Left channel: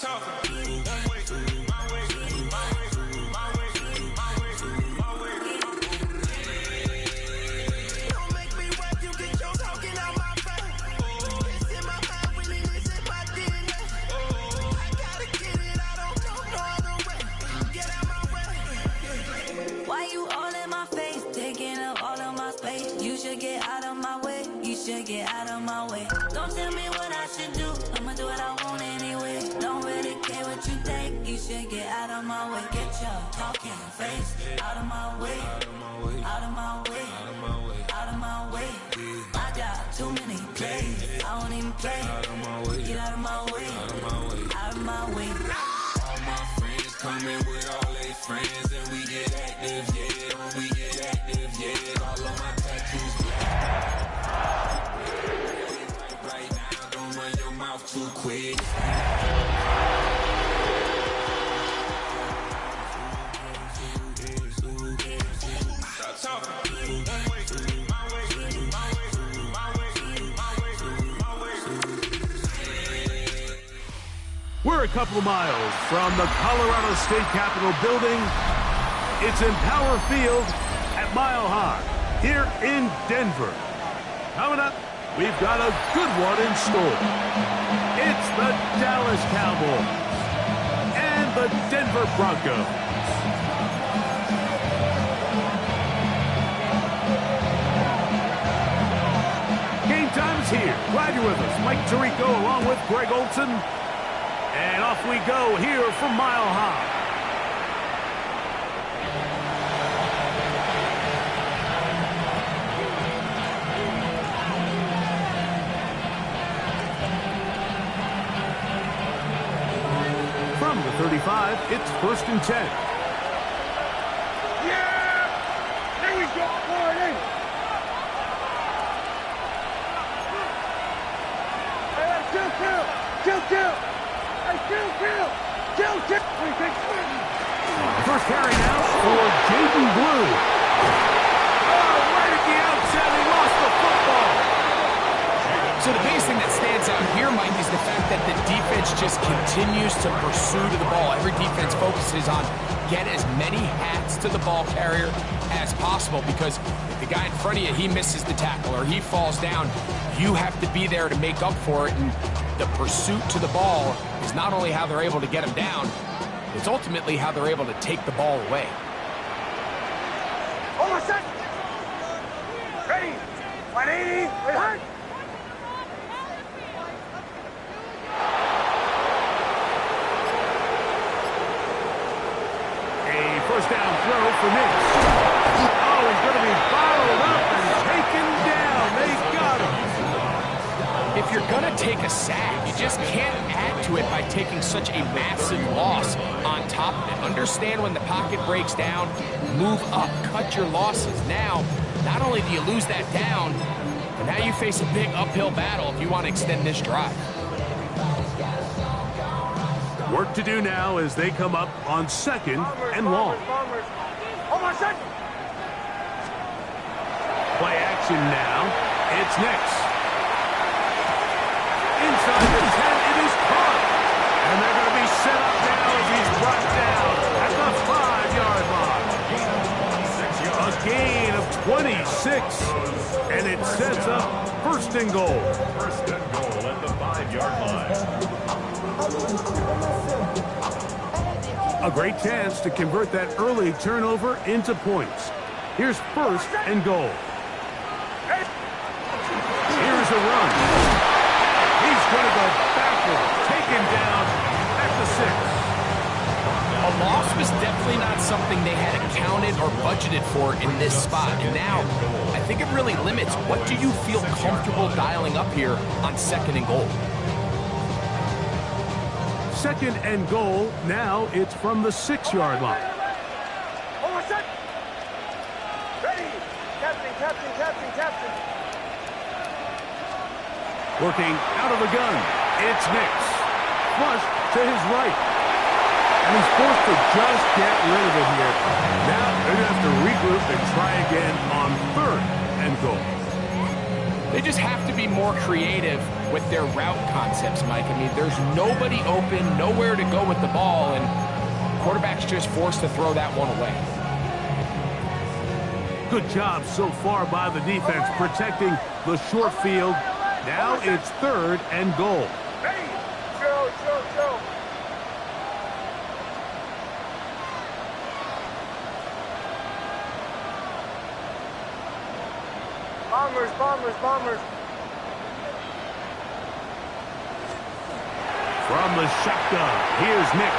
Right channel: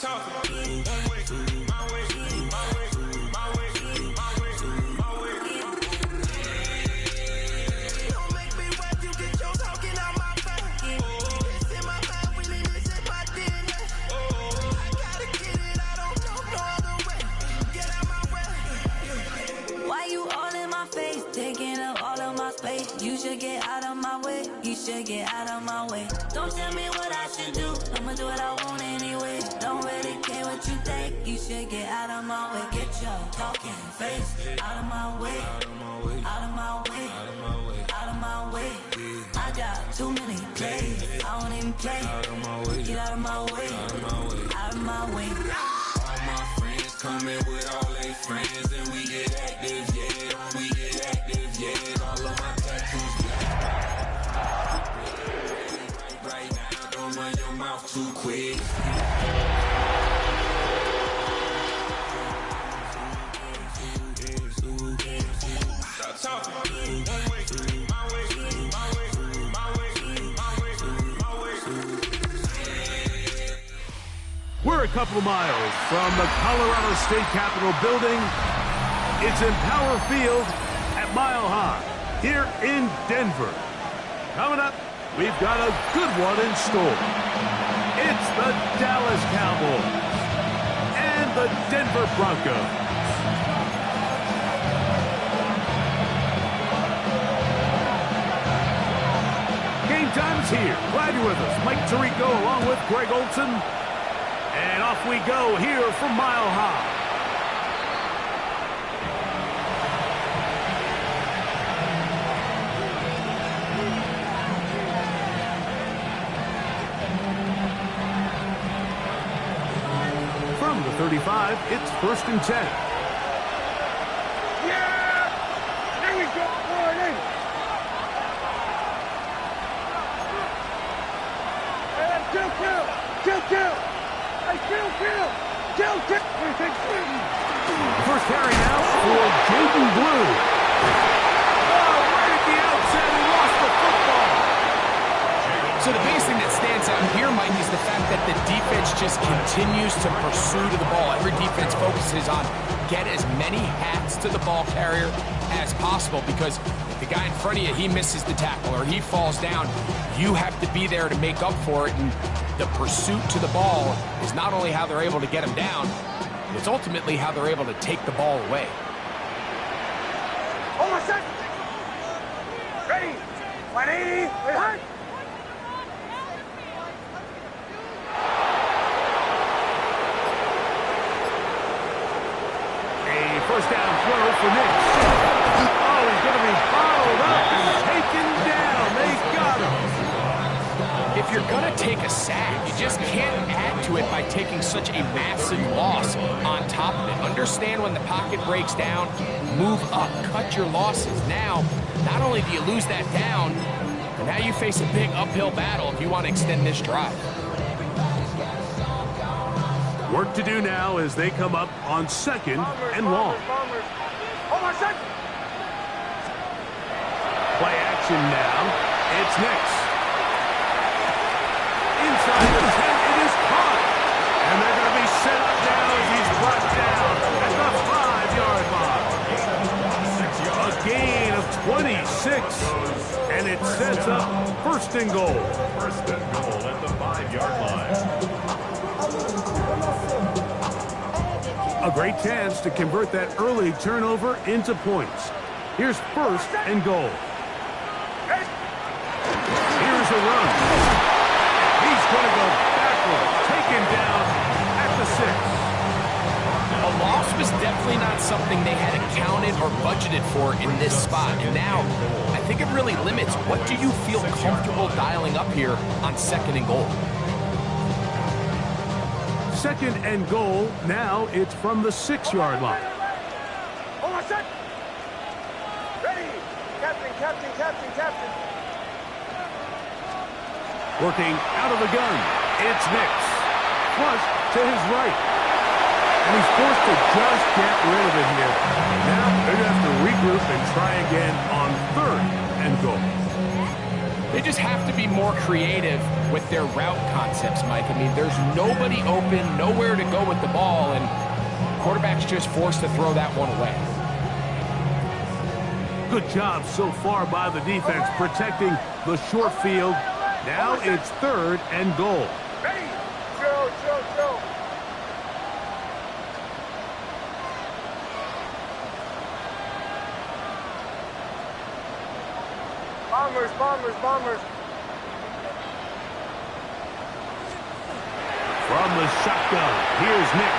talking. One way, my way, my way, my way, my way, my way. Don't make me rap, you get your talking out my face. It's in my mind, winning is in my DNA. I gotta get it, I don't know no other way. Get out my way. Why you all in my face, taking up all of my space? You should get out of my way, you should get out of my way. Don't tell me what I should do, I'ma do what I want anyway. Don't really care what you think, you should get out of my way. Get your talking face out of my way, out of my way, out of my way, out of my way, out of my way. I got too many plays, I won't even play. Out of my way, get out of my way, out of my way, out of my way. All my friends coming with all their friends, and we get active, yeah. We get active, yeah. All of my tattoos black. Right now, don't run your mouth too quick. Stop talking. One way, my way, my way, my way, my way, my way. We're a couple of miles from the Colorado State Capitol building. It's Empower Field at Mile High here in Denver. Coming up, we've got a good one in store. It's the Dallas Cowboys and the Denver Broncos. Game time is here. Glad you're with us. Mike Tirico along with Greg Olson. And off we go here from Mile High. From the 35, it's 1st and 10. Yeah! There we go, Gordon! Hey, kill! Hey, kill! First carry now for Jaden Blue. Oh, right at the outset, he lost the football. So the biggest thing that stands out here, Mike, is the fact that the defense just continues to pursue to the ball. Every defense focuses on get as many hats to the ball carrier as possible, because if the guy in front of you, he misses the tackle or he falls down, you have to be there to make up for it. And the pursuit to the ball is not only how they're able to get him down, it's ultimately how they're able to take the ball away. Hold on, set! Ready! 180! Hard! A first down throw for Nick. Oh, he's going to be bottled up and taken down. They got him. If you're going to take a sack, you just can't add to it by taking such a massive loss on top of it. Understand when the pocket breaks down, move up, cut your losses. Now, not only do you lose that down, but now you face a big uphill battle if you want to extend this drive. Work to do now as they come up on 2nd and long. Hold on, set! Play action now. It's Nix. Inside the 10, it is caught. And they're going to be set up now as he's brought down at the 5-yard line. A gain of 26. And it sets up 1st and goal. 1st and goal at the 5-yard line. A great chance to convert that early turnover into points. Here's 1st and goal. Here's a run. He's going to go backwards, taken down at the 6. A loss was definitely not something they had accounted or budgeted for in this spot. And now, I think it really limits what do you feel comfortable dialing up here on 2nd and goal. 2nd and goal. Now it's from the 6-yard line. Hold on, set! Ready! Captain! Working out of the gun. It's Nix. Flush to his right. And he's forced to just get rid of it here. Now they're going to have to regroup and try again on 3rd and goal. They just have to be more creative with their route concepts, Mike. I mean, there's nobody open, nowhere to go with the ball, and quarterback's just forced to throw that one away. Good job so far by the defense protecting the short field. Now it's 3rd and goal. Ready? Joe. Bombers. From the shotgun, here's Nix.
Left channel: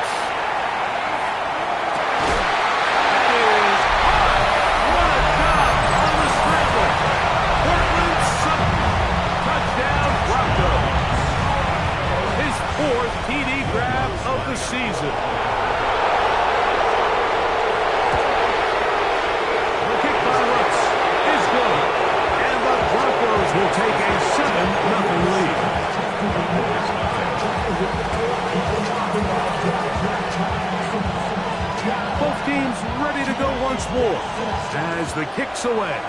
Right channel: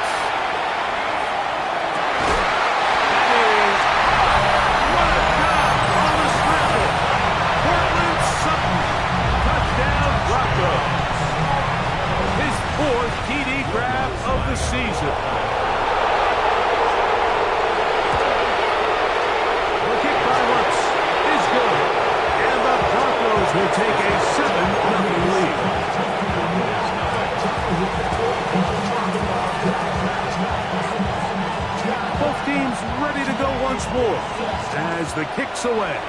That is hot. What a job on the scramble. Portland Sutton. Touchdown, Broncos. His 4th TD grab of the season. The kick by Lutz is good. And the Broncos will take a 7-0 lead. Both teams ready to go once more as the kick's away.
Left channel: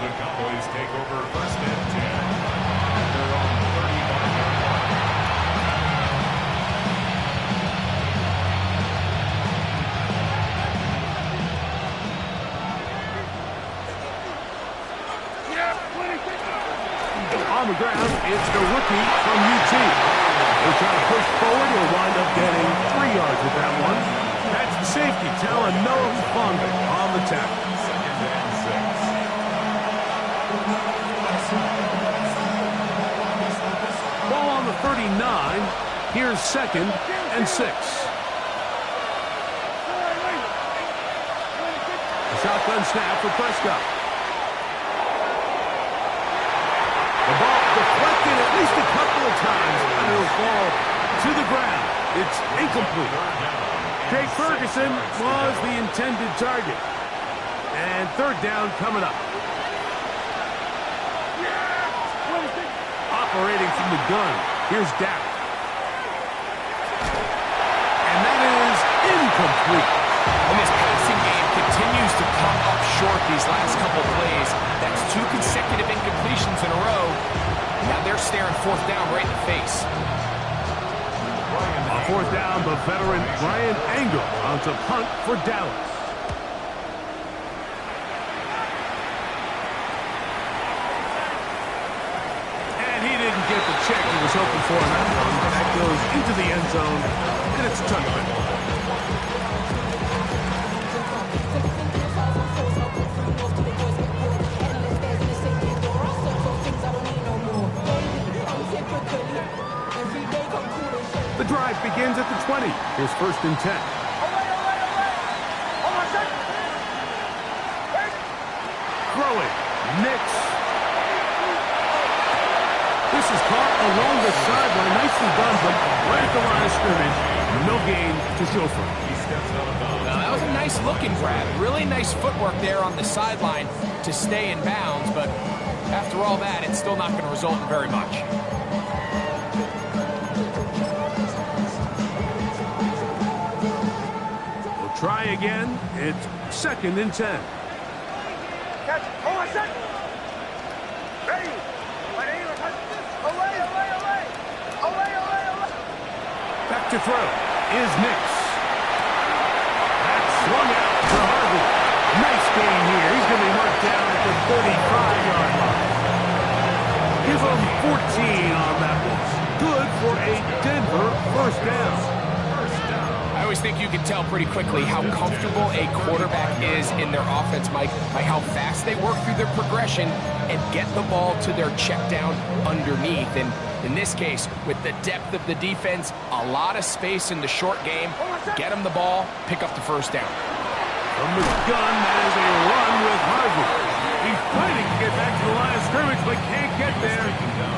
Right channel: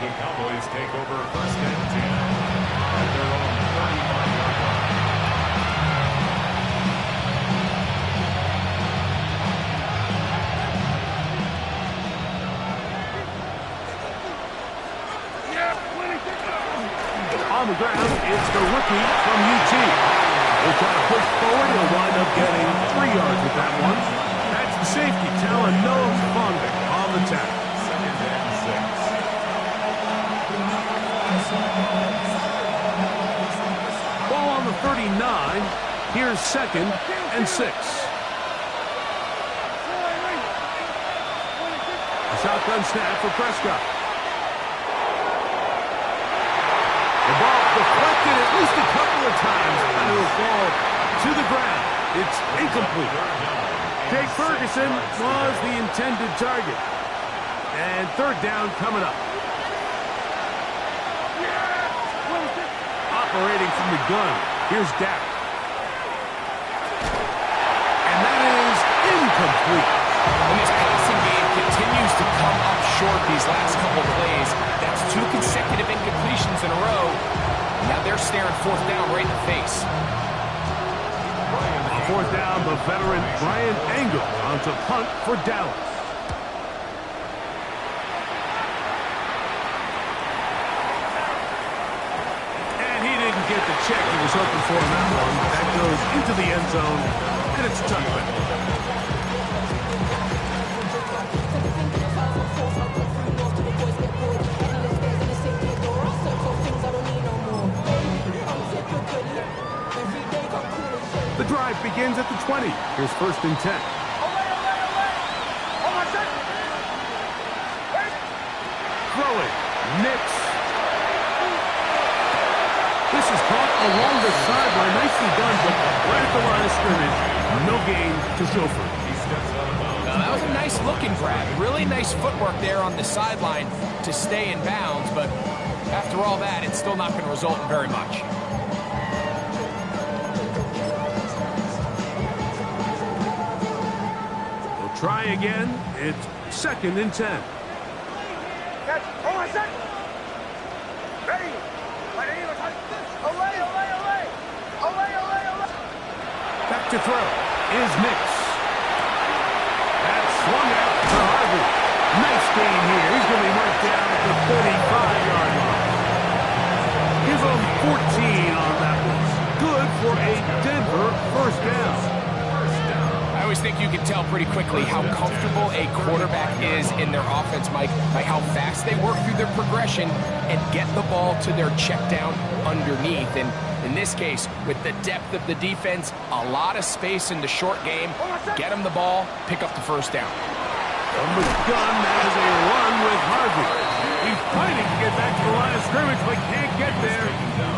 The Cowboys take over 1st and 10 at their own 35-yard line. On the ground, it's the rookie from UT. He'll try to push forward. He'll wind up getting 3 yards with that one. That's the safety, Talon Noah Fonvik on the tackle. 2nd and 6. Ball on the 39. Here's 2nd and 6. A shotgun snap for Prescott. The ball deflected at least a couple of times, and it'll fall to the ground. It's incomplete. Jake Ferguson was the intended target. And 3rd down coming up. Operating from the gun, here's Dak. And that is incomplete. And this passing game continues to come up short these last couple plays. That's 2 consecutive incompletions in a row. And now they're staring 4th down right in the face. On 4th down, the veteran Brian Angle onto punt for Dallas. And he didn't get the check he was hoping for on that one. That goes into the end zone, and it's touchback. The drive begins at the 20. Here's 1st and 10. Throwing. Nix. This is caught along the sideline. Nicely done, but right at the line of scrimmage. No gain to show for it. He steps out of bounds. That was a nice looking grab. Really nice footwork there on the sideline to stay in bounds, but after all that, it's still not going to result in very much. We'll try again. It's 2nd and 10. Catch. Hold on a second. Ready. Away. Back to throw is Nix. That's swung out to Harvey. Nice gain here. He's going to be marked down at the 35-yard line. Give him 14 on that one. Good for a Denver 1st down. I always think you can tell pretty quickly how comfortable a quarterback is in their offense, Mike, by how fast they work through their progression and get the ball to their check down underneath. And in this case, with the depth of the defense, a lot of space in the short game, get them the ball, pick up the 1st down. From the gun, that is a run with Harvey. He's fighting to get back to the line of scrimmage, but can't get there.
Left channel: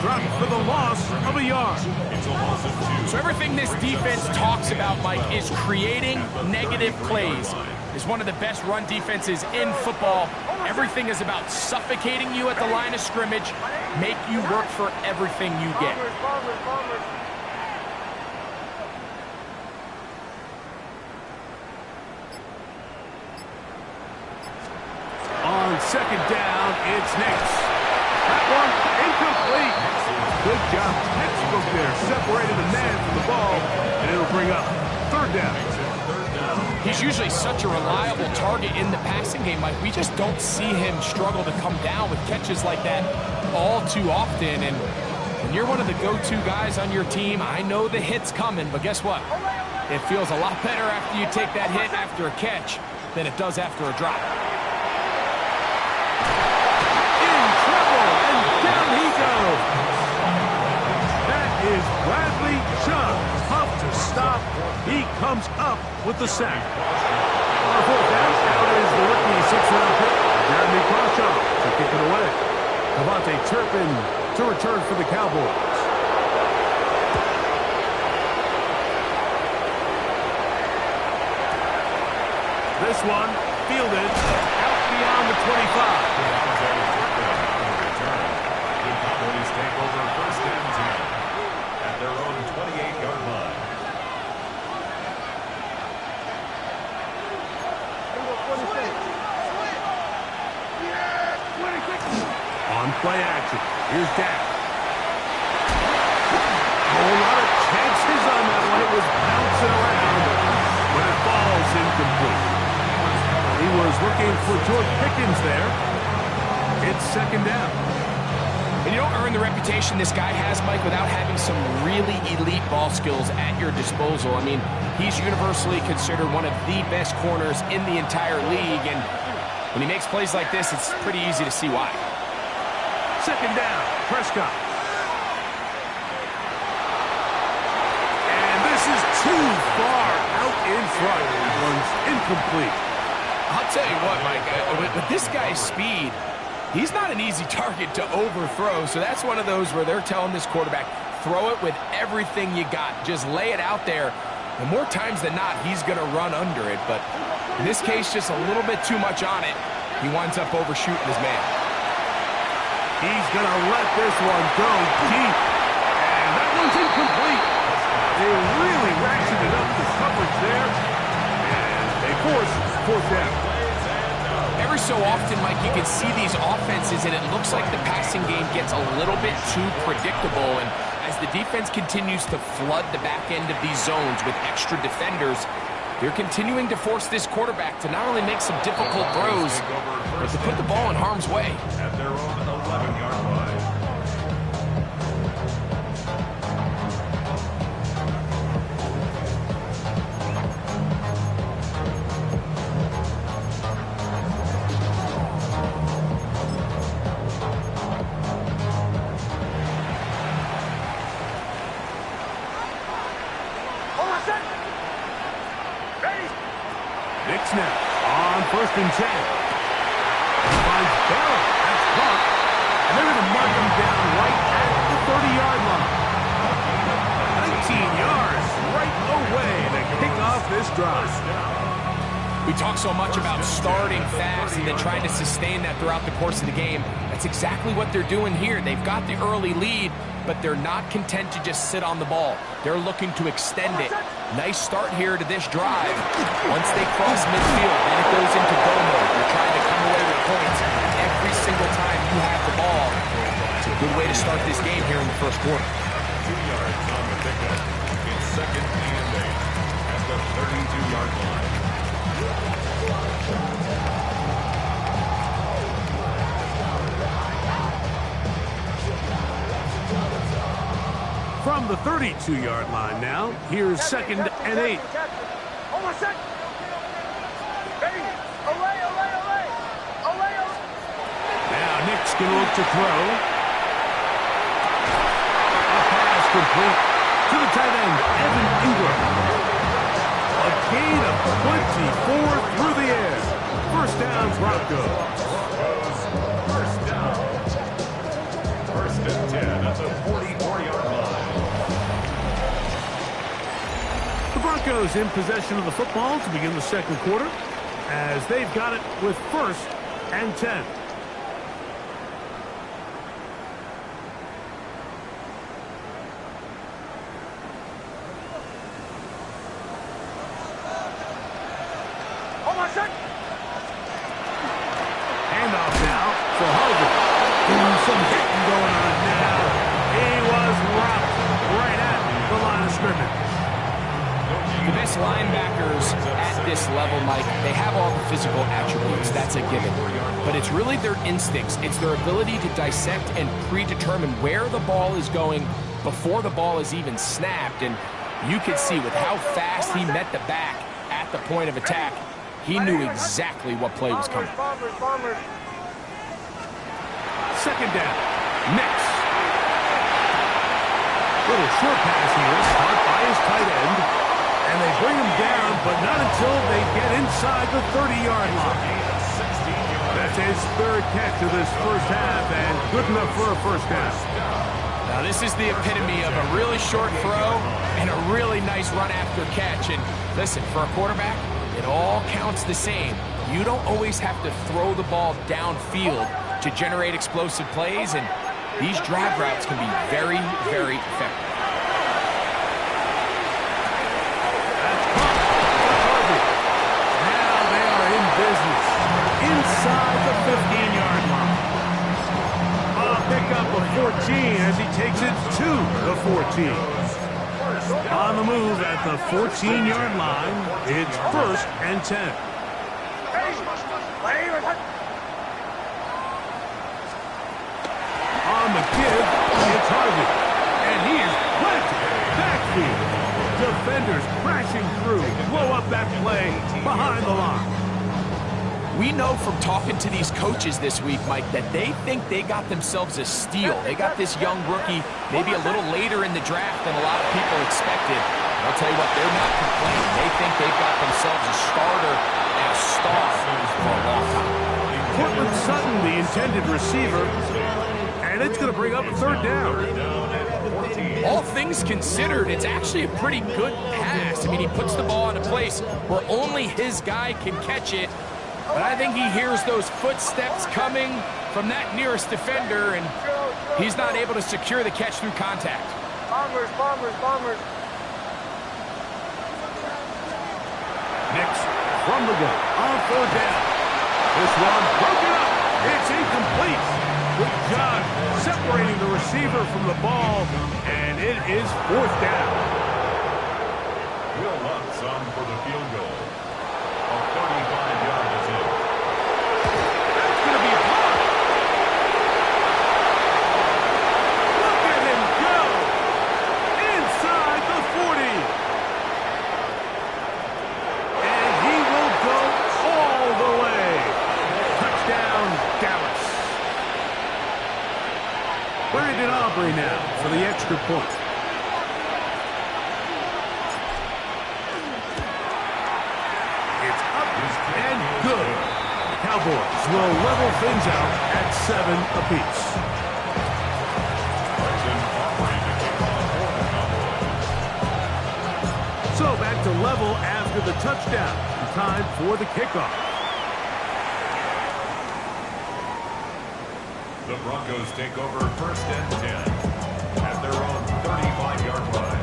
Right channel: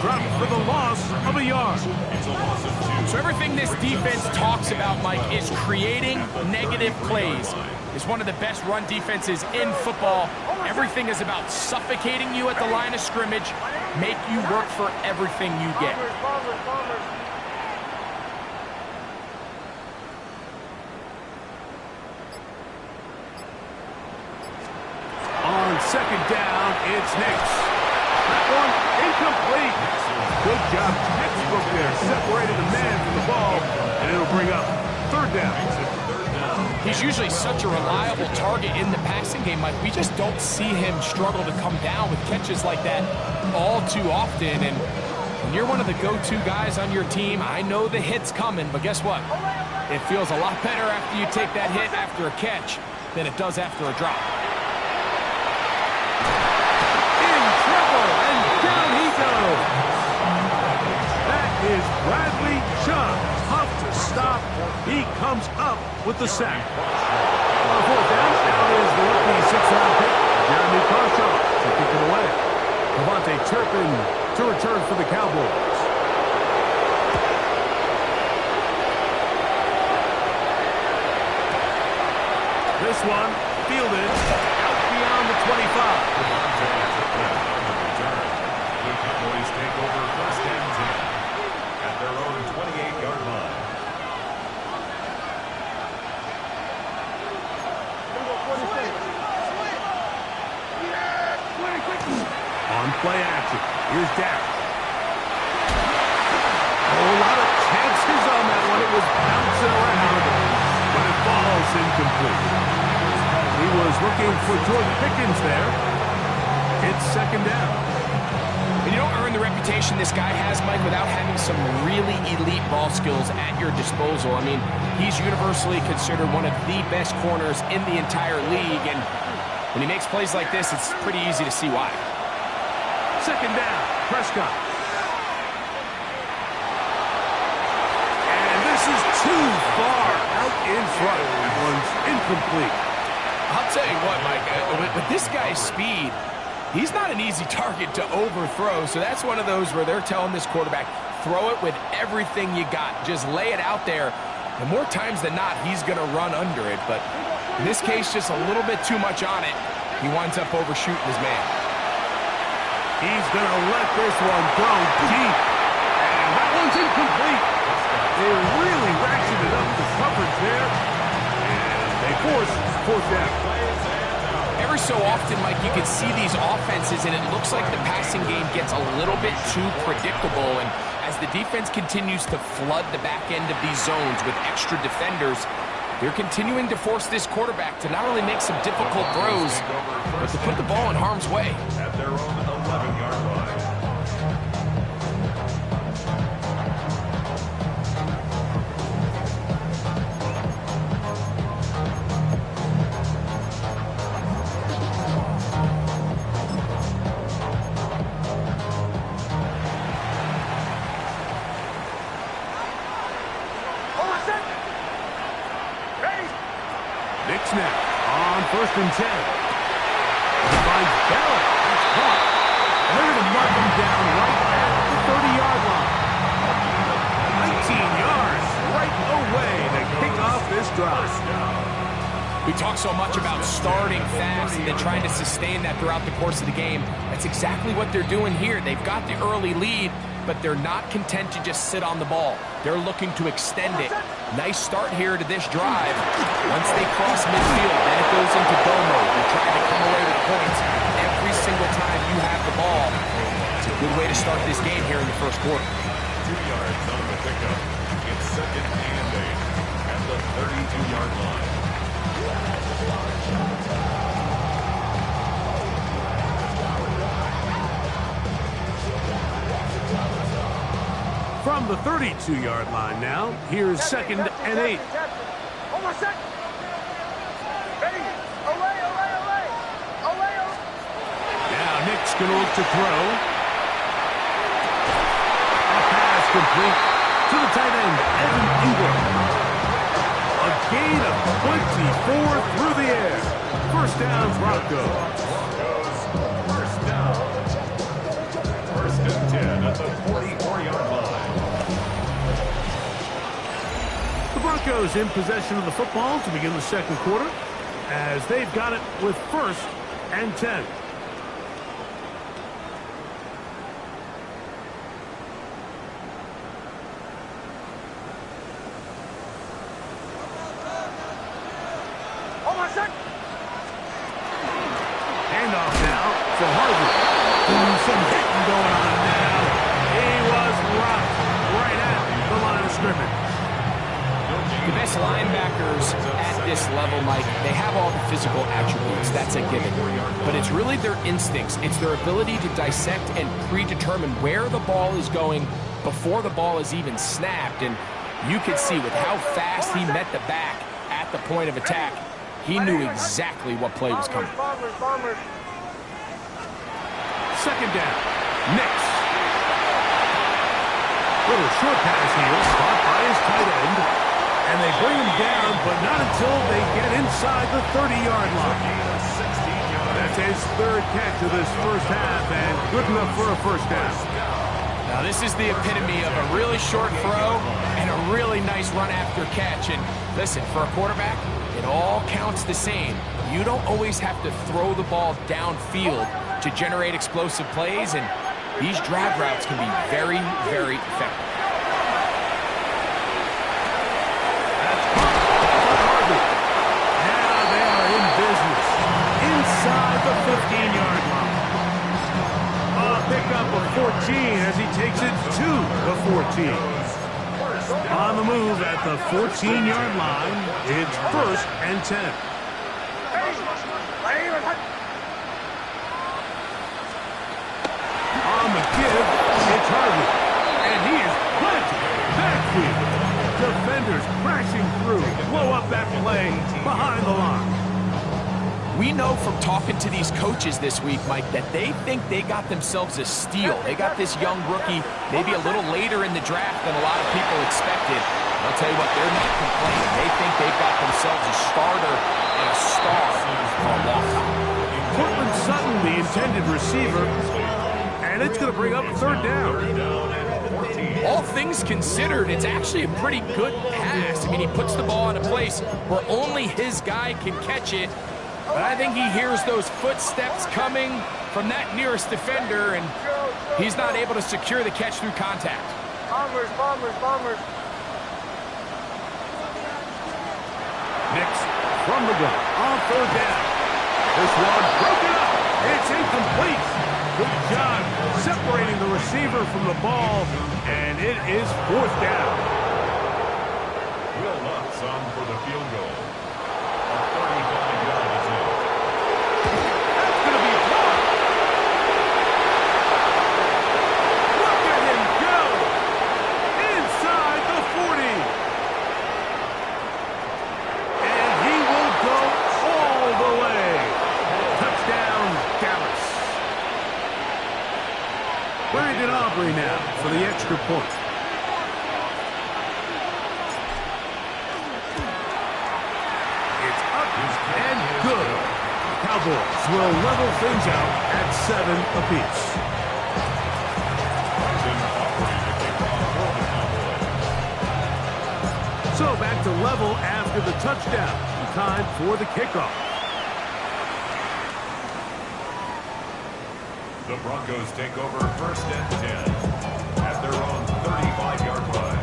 Dropped for the loss of a yard. It's a loss of 2. So everything this defense talks about, Mike, is creating negative plays. It's one of the best run defenses in football. Everything is about suffocating you at the line of scrimmage, make you work for everything you get. Bombers. On second down, it's Nix. That one incomplete. Good job, textbook there, separated the man from the ball, and it'll bring up third down. He's usually such a reliable target in the passing game, Mike. We just don't see him struggle to come down with catches like that all too often. And when you're one of the go-to guys on your team, I know the hit's coming, but guess what? It feels a lot better after you take that hit after a catch than it does after a drop. In trouble, and down he goes. That is Bradley Chubb. Tough to stop. He comes up with the sack. On fourth down, now is the rookie sixth-round pick, Jeremy Crawshaw, to kick it away. Devontae Turpin to return for the Cowboys. This one fielded out beyond the 25. Devontae Turpin on the return. The Cowboys take over first and 10 at their own 28-yard line. On play action, here's Dak. A whole lot of chances on that one. It was bouncing around, but it falls incomplete. He was looking for George Pickens there. It's second down. And you don't earn the reputation this guy has, Mike, without having some really elite ball skills at your disposal. I mean, he's universally considered one of the best corners in the entire league, and when he makes plays like this, it's pretty easy to see why. Second down, Prescott. And this is too far out in front. That one's incomplete. I'll tell you what, Mike, with this guy's speed, he's not an easy target to overthrow, so that's one of those where they're telling this quarterback, throw it with everything you got. Just lay it out there, and more times than not, he's going to run under it. But in this case, just a little bit too much on it. He winds up overshooting his man. He's going to let this one go deep. And that one's incomplete. They really ratcheted up the coverage there. And they force fourth down. Every so often, Mike, you can see these offenses, and it looks like the passing game gets a little bit too predictable. And as the defense continues to flood the back end of these zones with extra defenders, they're continuing to force this quarterback to not only make some difficult throws, but to put the ball in harm's way. At their own 11-yard line. Nick snap on first and 10. He finds Bell. That's caught. And they're going to mark him down right at the 30-yard line. 19 yards right away to kick off this drive. We talk so much about starting fast and then trying to sustain that throughout the course of the game. That's exactly what they're doing here. They've got the early lead, but they're not content to just sit on the ball. They're looking to extend it. Nice start here to this drive. Once they cross midfield, then it goes into go mode. You're trying to come away with points every single time you have the ball. It's a good way to start this game here in the first quarter. 2 yards on the pickup. It's second and 8 at the 32-yard line. From the 32-yard line now, here's second and 8. Hold on a sec. Ready? Olay, olay, olay. Olay, olay. Now Nick's going to look to throw. A pass complete to the tight end, Evan Ingram. A gain of 24 through the air. First down, Broncos. First down. First and 10 at the 44-yard line. The Broncos in possession of the football to begin the second quarter, as they've got it with first and 10. Hold on a sec. Handoff now some hitting going on now. He was rocked right at the line of scrimmage. The best linebackers at this level, Mike, they have all the physical attributes. That's a given. But it's really their instincts. It's their ability to dissect and predetermine where the ball is going before the ball is even snapped. And you could see with how fast he met the back at the point of attack, he knew exactly what play was coming. Second down. Next. Little short pass here, caught by his tight end. And they bring him down, but not until they get inside the 30-yard line. That's his third catch of this first half, and good enough for a first down. Now, this is the epitome of a really short throw and a really nice run after catch. And listen, for a quarterback, it all counts the same. You don't always have to throw the ball downfield to generate explosive plays, and these drag routes can be very, very effective. Business inside the 15-yard line. A pickup of 14 as he takes it to the 14. On the move at the 14-yard line, it's 1st and 10. On the give, it's Harvey, and he is planted backfield. Defenders crashing through, blow up that play behind the line. We know from talking to these coaches this week, Mike, that they think they got themselves a steal. They got this young rookie maybe a little later in the draft than a lot of people expected. And I'll tell you what, they're not complaining. They think they've got themselves a starter and a star for a long time. Cortland Sutton, the intended receiver, and it's going to bring up 3rd down. All things considered, it's actually a pretty good pass. I mean, he puts the ball in a place where only his guy can catch it. But I think he hears those footsteps coming from that nearest defender, and he's not able to secure the catch through contact. Bombers. Next, from the gun, on 3rd down. This one broken up. It's incomplete. Good job separating the receiver from the ball, and it is 4th down. Will Lutz on for the field goal. A 35-yard is in. That's going to be blocked. Look at him go. Inside the 40. And he will go all the way. Touchdown, Dallas. Brandon Aubrey now for the extra point. And good. The Cowboys will level things out at 7 apiece. So back to level after the touchdown. Time for the kickoff. The Broncos take over 1st and 10 at their own 35-yard line.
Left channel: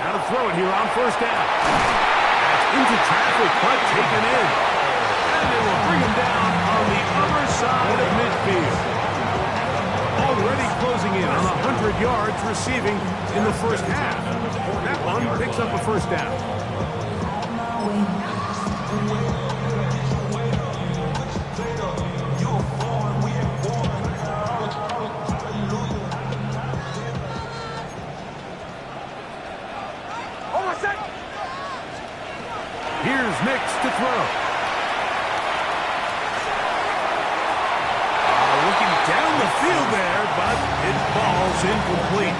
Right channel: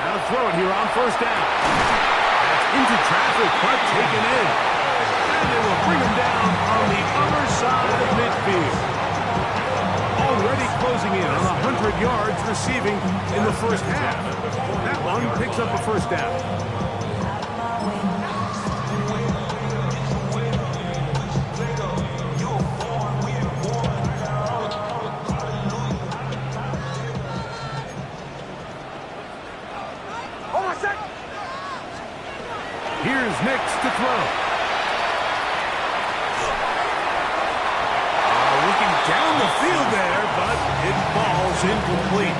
Now to throw it here on 1st down. That's into traffic, but taken in. And they will bring him down on the other side of midfield. Already closing in on 100 yards receiving in the first half. That one picks up a 1st down. Here's Nix to throw. Looking down the field there, but it falls incomplete.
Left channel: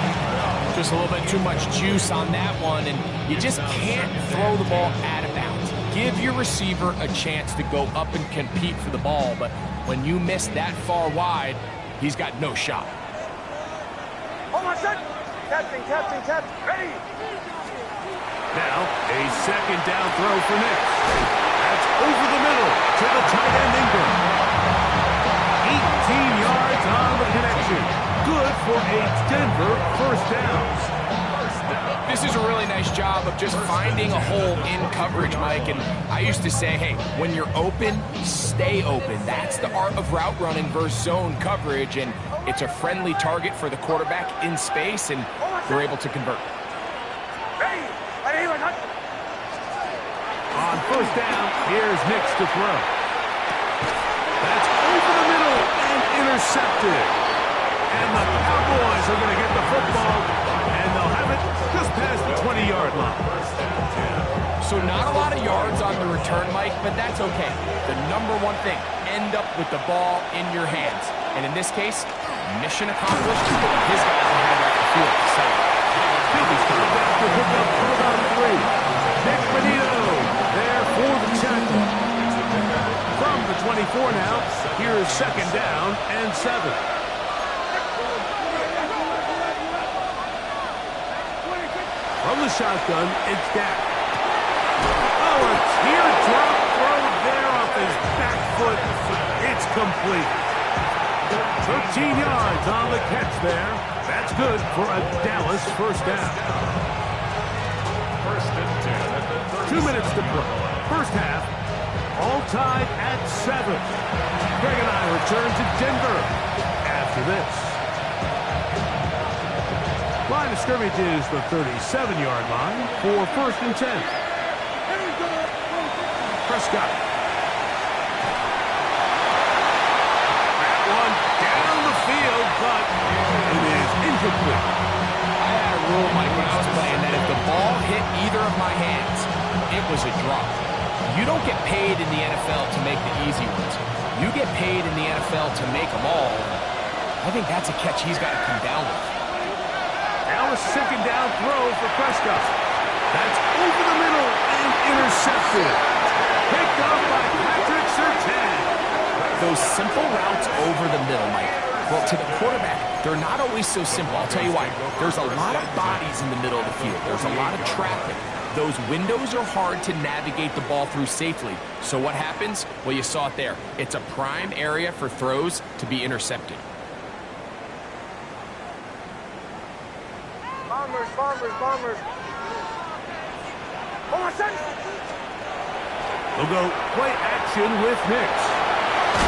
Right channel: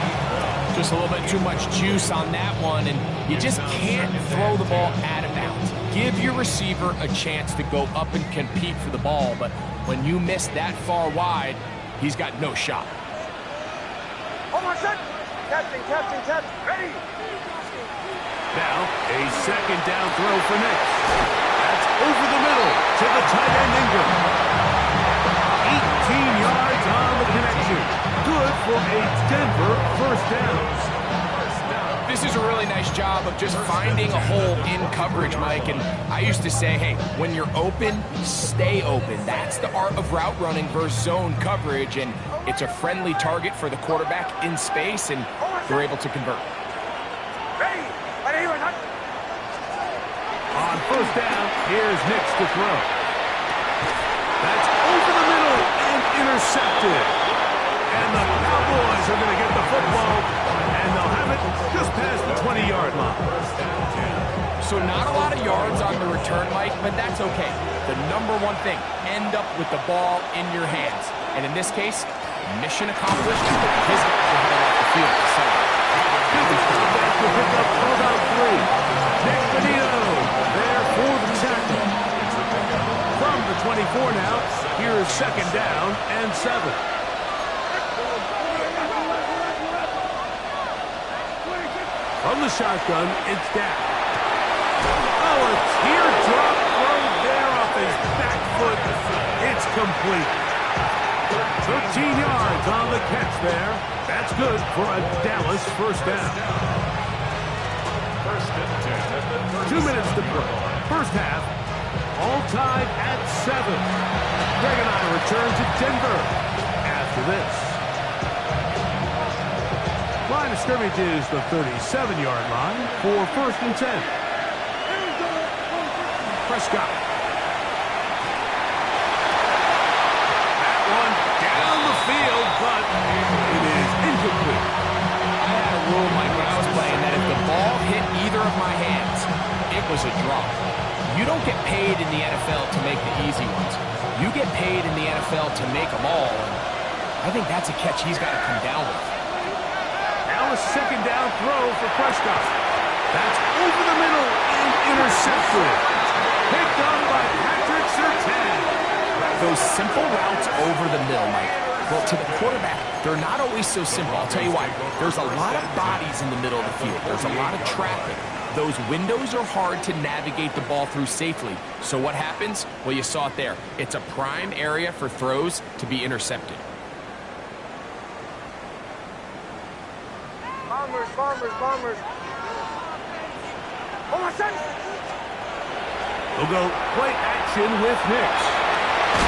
Just a little bit too much juice on that one, and you just can't throw the ball out of bounds. give your receiver a chance to go up and compete for the ball, but when you miss that far wide, he's got no shot. Hold on, set. Captain. Ready. Now, a second down throw for Nix. That's over the middle to the tight end Ingram. 18 yards on the connection. Good for a Denver first down. This is a really nice job of just finding a hole in coverage, Mike. And I used to say, hey, when you're open, stay open. That's the art of route running versus zone coverage. And it's a friendly target for the quarterback in space, and they're able to convert. On first down, here's Nix to throw. That's over the middle and intercepted. And the Cowboys are going to get the football, and they'll have it just past the 20-yard line. So not a lot of yards on the return, Mike, but that's okay. The number one thing, end up with the ball in your hands. And in this case, mission accomplished. His guys are headed off the field to celebrate. He'll be stopped after pickup, held on 3. Nick Benito there for the tackle. From the 24 now, here is second down and 7. From the shotgun, it's Dak. Oh, a teardrop throw there off his back foot. It's complete. 13 yards on the catch there. That's good for a Dallas first down. 2 minutes to play. First half, all tied at 7. Greg and I return to Denver after this. Line of scrimmage is the 37-yard line for first and 10. Prescott. That one down the field, but it is incomplete. I had a rule, Mike, when I was playing that if the ball hit either of my hands, it was a drop. You don't get paid in the NFL to make the easy ones. You get paid in the NFL to make them all. And I think that's a catch he's got to come down with. Now a second down throw for Prescott. That's over the middle and intercepted. Picked up by Patrick Surtain. Those simple routes over the middle, Mike. Well, to the quarterback, they're not always so simple. I'll tell you why. There's a lot of bodies in the middle of the field. There's a lot of traffic. Those windows are hard to navigate the ball through safely. So what happens? Well, you saw it there. It's a prime area for throws to be intercepted. Bombers. Hold on, set. They'll go play action with Nix.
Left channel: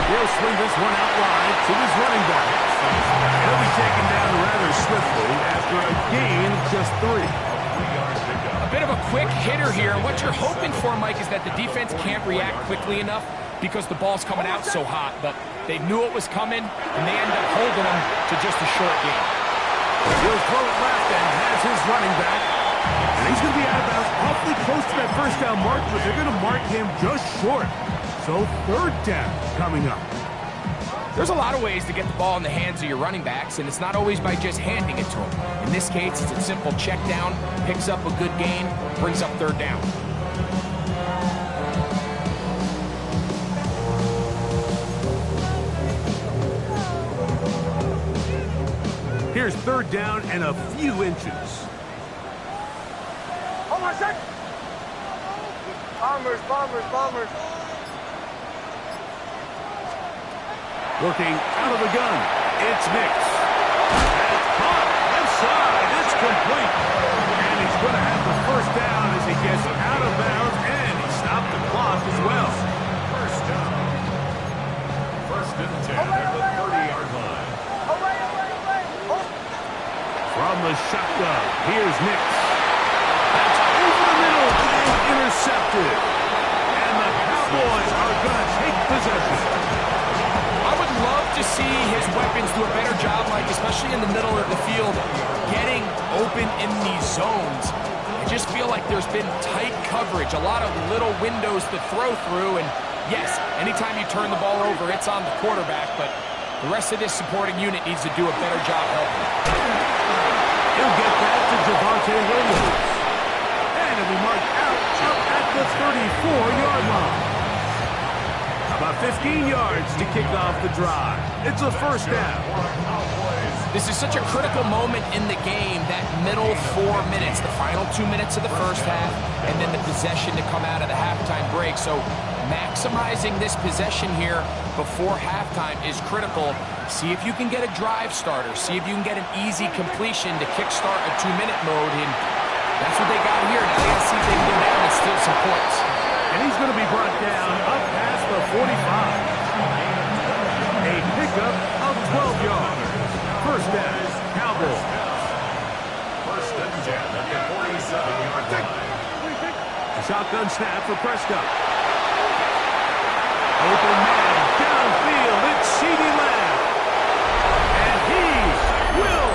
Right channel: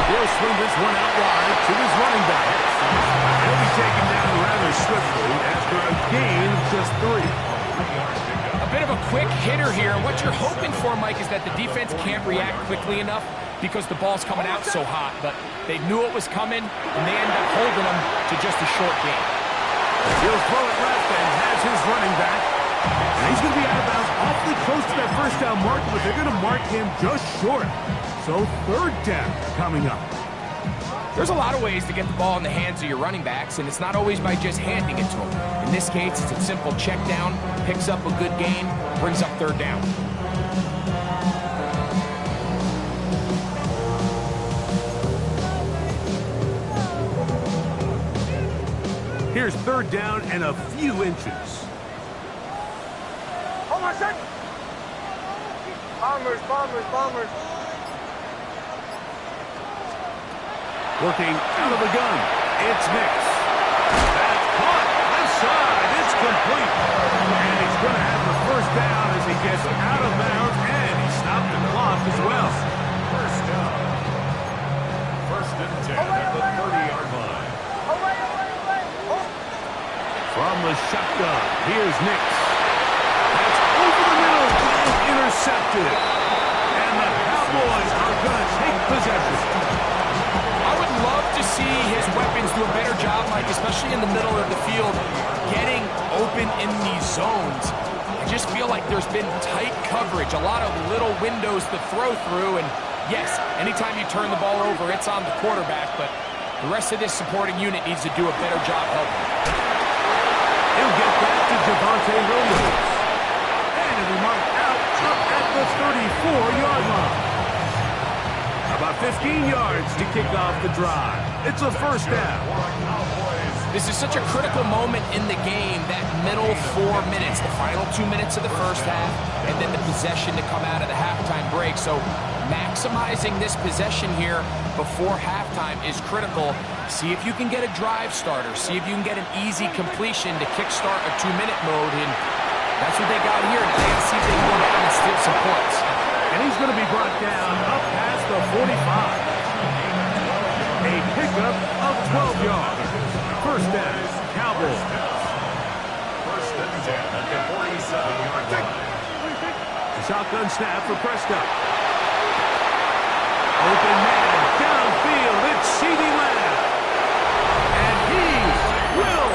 He'll swing this one out wide to his running back. He'll be taken down rather swiftly after a gain of just 3. A bit of a quick hitter here. What you're hoping for, Mike, is that the defense can't react quickly enough because the ball's coming out so hot. But they knew it was coming, and they end up holding them to just a short gain. He'll throw it left and has his running back. And he's going to be out of bounds awfully close to that first down mark, but they're going to mark him just short. So third down coming up. There's a lot of ways to get the ball in the hands of your running backs, and it's not always by just handing it to them. In this case, it's a simple check down, picks up a good gain, brings up third down. Here's third down and a few inches. Hold on, set. Bombers. Working out of the gun, it's Nix. That's caught, left side, it's complete. And he's going to have the first down as he gets out of bounds, and he stopped the clock as well. First down. First and 10 at the 30-yard line. From the shotgun, here's Nix. That's over the middle and intercepted. And the Cowboys are going to take possession. I would love to see his weapons do a better job, Mike, especially in the middle of the field, getting open in these zones. I just feel like there's been tight coverage, a lot of little windows to throw through, and yes, anytime you turn the ball over, it's on the quarterback, but the rest of this supporting unit needs to do a better job helping. He'll get that to Javonte Williams. And he'll be marked marked out up at the 34-yard line. About 15 yards to kick off the drive. It's a first down. This is such a critical moment in the game, that middle 4 minutes, the final 2 minutes of the first half, and then the possession to come out of the halftime break. So maximizing this possession here before halftime is critical. See if you can get a drive starter. See if you can get an easy completion to kickstart a 2-minute mode. And that's what they got here. Now they got to see if they can go down and steal some points. And he's going to be brought down up past the 45. A pickup of 12 yards. First down, Cowboys. First and 10 at the 47-yard line. A shotgun snap for Prescott. Open man, downfield, it's CeeDee Lamb. And he will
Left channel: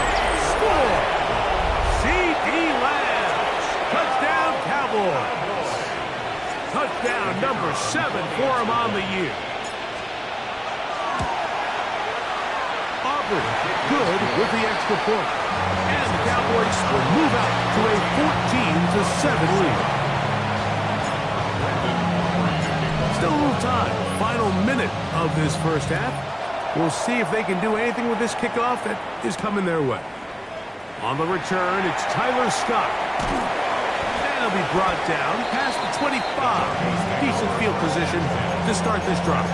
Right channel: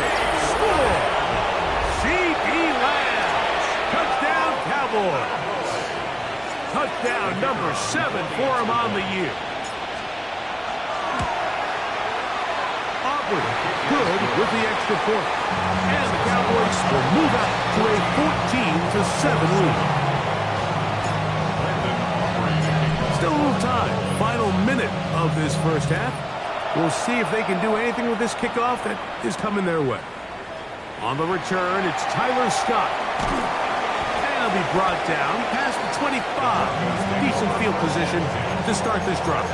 score. CeeDee Lamb. Touchdown, Cowboys. Touchdown number 7 for him on the year. Aubrey, good with the extra point. And the Cowboys will move out to a 14-7 lead. Still a little time. Final minute of this first half. We'll see if they can do anything with this kickoff that is coming their way. On the return, it's Tyler Scott. And he'll be brought down past the 25. Decent field position to start this drive.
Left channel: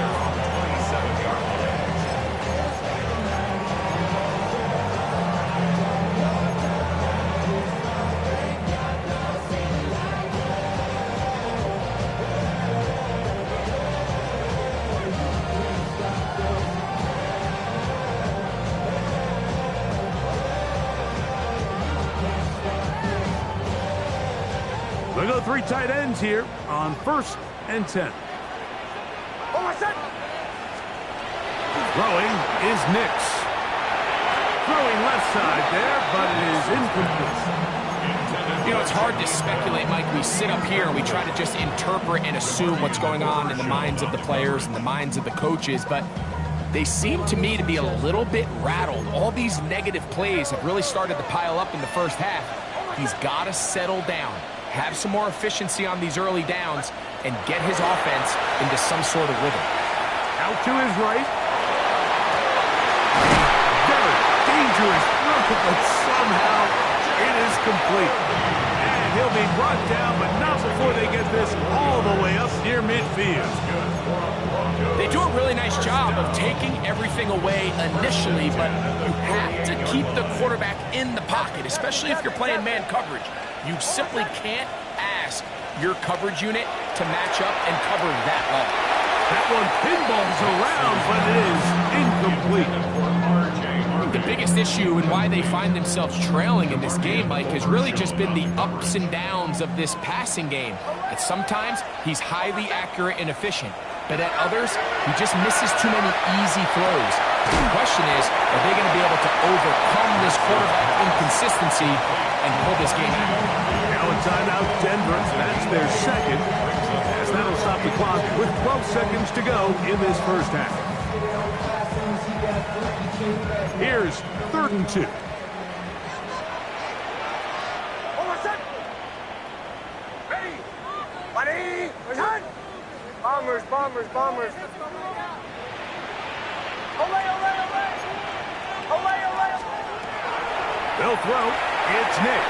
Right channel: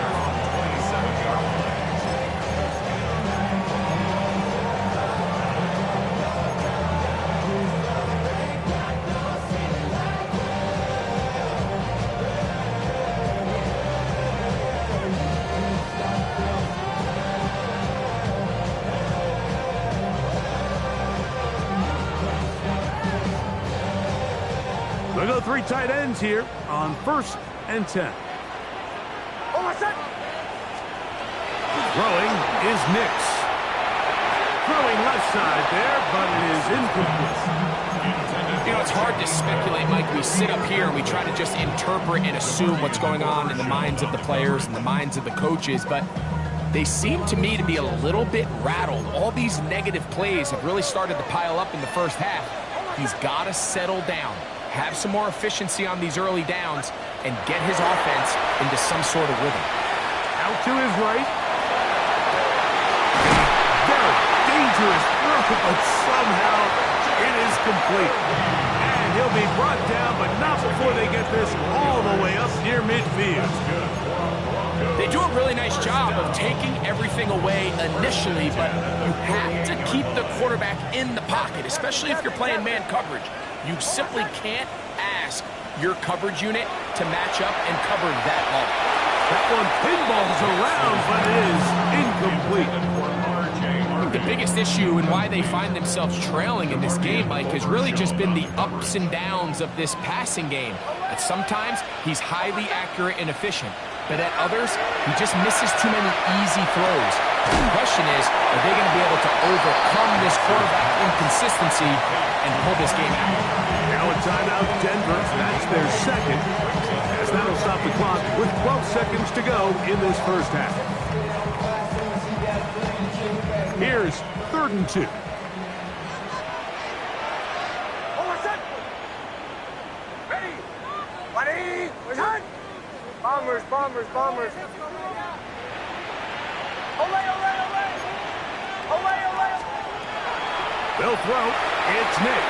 They go 3 tight ends here on 1st and 10. Throwing is Nix. Throwing left side there, but it is incomplete. You know, it's hard to speculate, Mike. We sit up here and we try to just interpret and assume what's going on in the minds of the players and the minds of the coaches, but they seem to me to be a little bit rattled. All these negative plays have really started to pile up in the first half. He's got to settle down, have some more efficiency on these early downs, and get his offense into some sort of rhythm. Out to his right. A very dangerous throw, but somehow it is complete. And he'll be brought down, but not before they get this all the way up near midfield. They do a really nice job of taking everything away initially, but you have to keep the quarterback in the pocket, especially if you're playing man coverage. You simply can't ask your coverage unit to match up and cover that long. That one pinballs around, but it is incomplete. The biggest issue and why they find themselves trailing in this game, Mike, has really just been the ups and downs of this passing game. At sometimes, he's highly accurate and efficient, but at others, he just misses too many easy throws. The question is, are they going to be able to overcome this quarterback inconsistency and pull this game out? Now a timeout, Denver. That's their second, as that'll stop the clock with 12 seconds to go in this first half. Here's 3rd and 2. Ready? Ready? Bombers, bombers, bombers. Olay, olay, olay. Olay, olay, olay. They'll throw. It's Nix.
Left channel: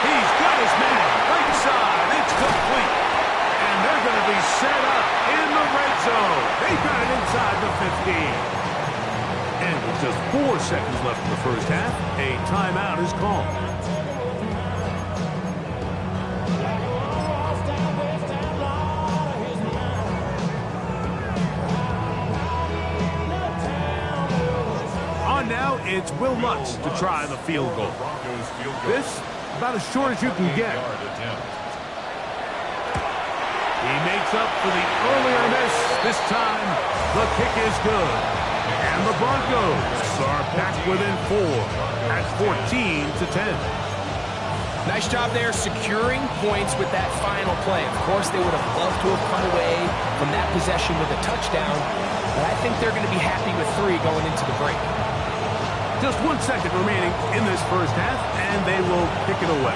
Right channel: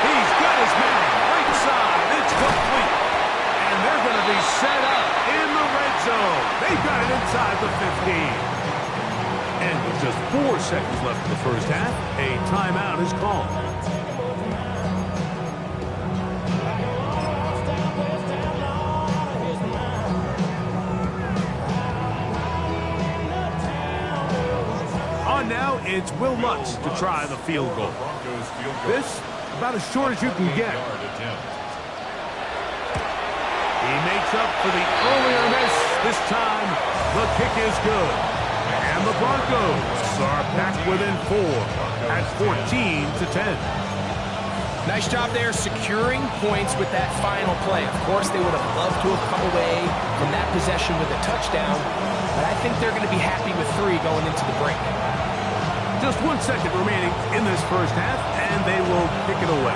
He's got his man. Right side. It's complete. And they're going to be set up in the red zone. They've got it inside the 15. And with just 4 seconds left in the first half, a timeout is called. On now, it's Will Lutz to try the field goal. This, about as short as you can get. He makes up for the earlier miss. This time, the kick is good. And the Broncos are back within 4 at 14-10. Nice job there securing points with that final play. Of course, they would have loved to have come away from that possession with a touchdown, but I think they're going to be happy with 3 going into the break. Just 1 second remaining in this first half, and they will kick it away.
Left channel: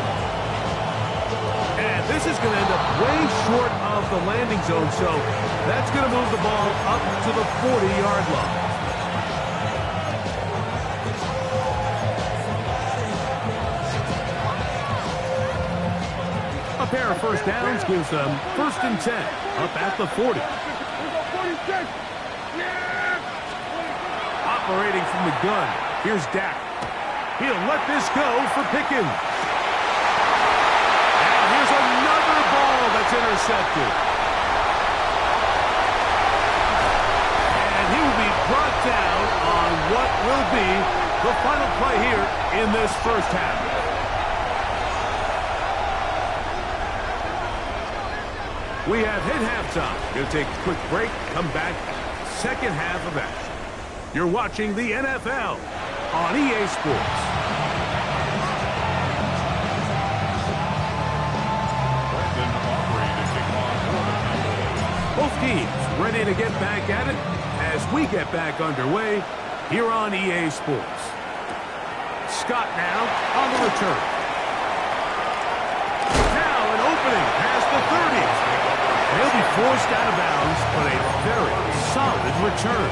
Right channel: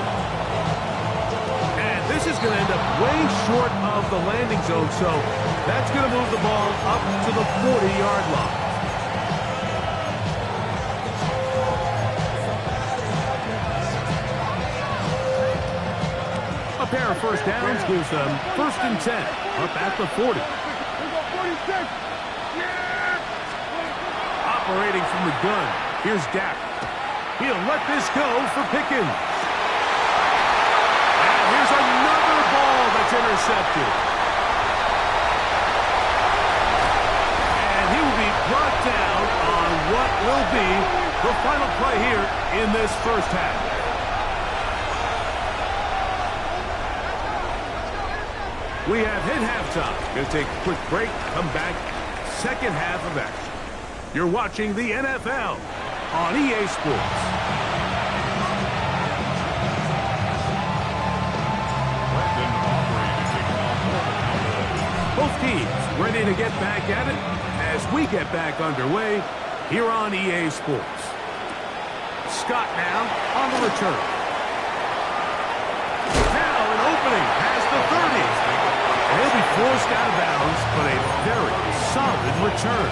this is going to end up way short of the landing zone, so that's going to move the ball up to the 40-yard line. A pair of first downs gives them 1st and 10 up at the 40. Operating from the gun, here's Dak. He'll let this go for Pickens. Now here's another ball that's intercepted. And he will be brought down on what will be the final play here in this first half. We have hit halftime. Going to take a quick break, come back, second half of action. You're watching the NFL on EA Sports. Both teams ready to get back at it as we get back underway here on EA Sports. Scott now on the return. Now an opening past the 30. And he'll be forced out of bounds, but a very solid return.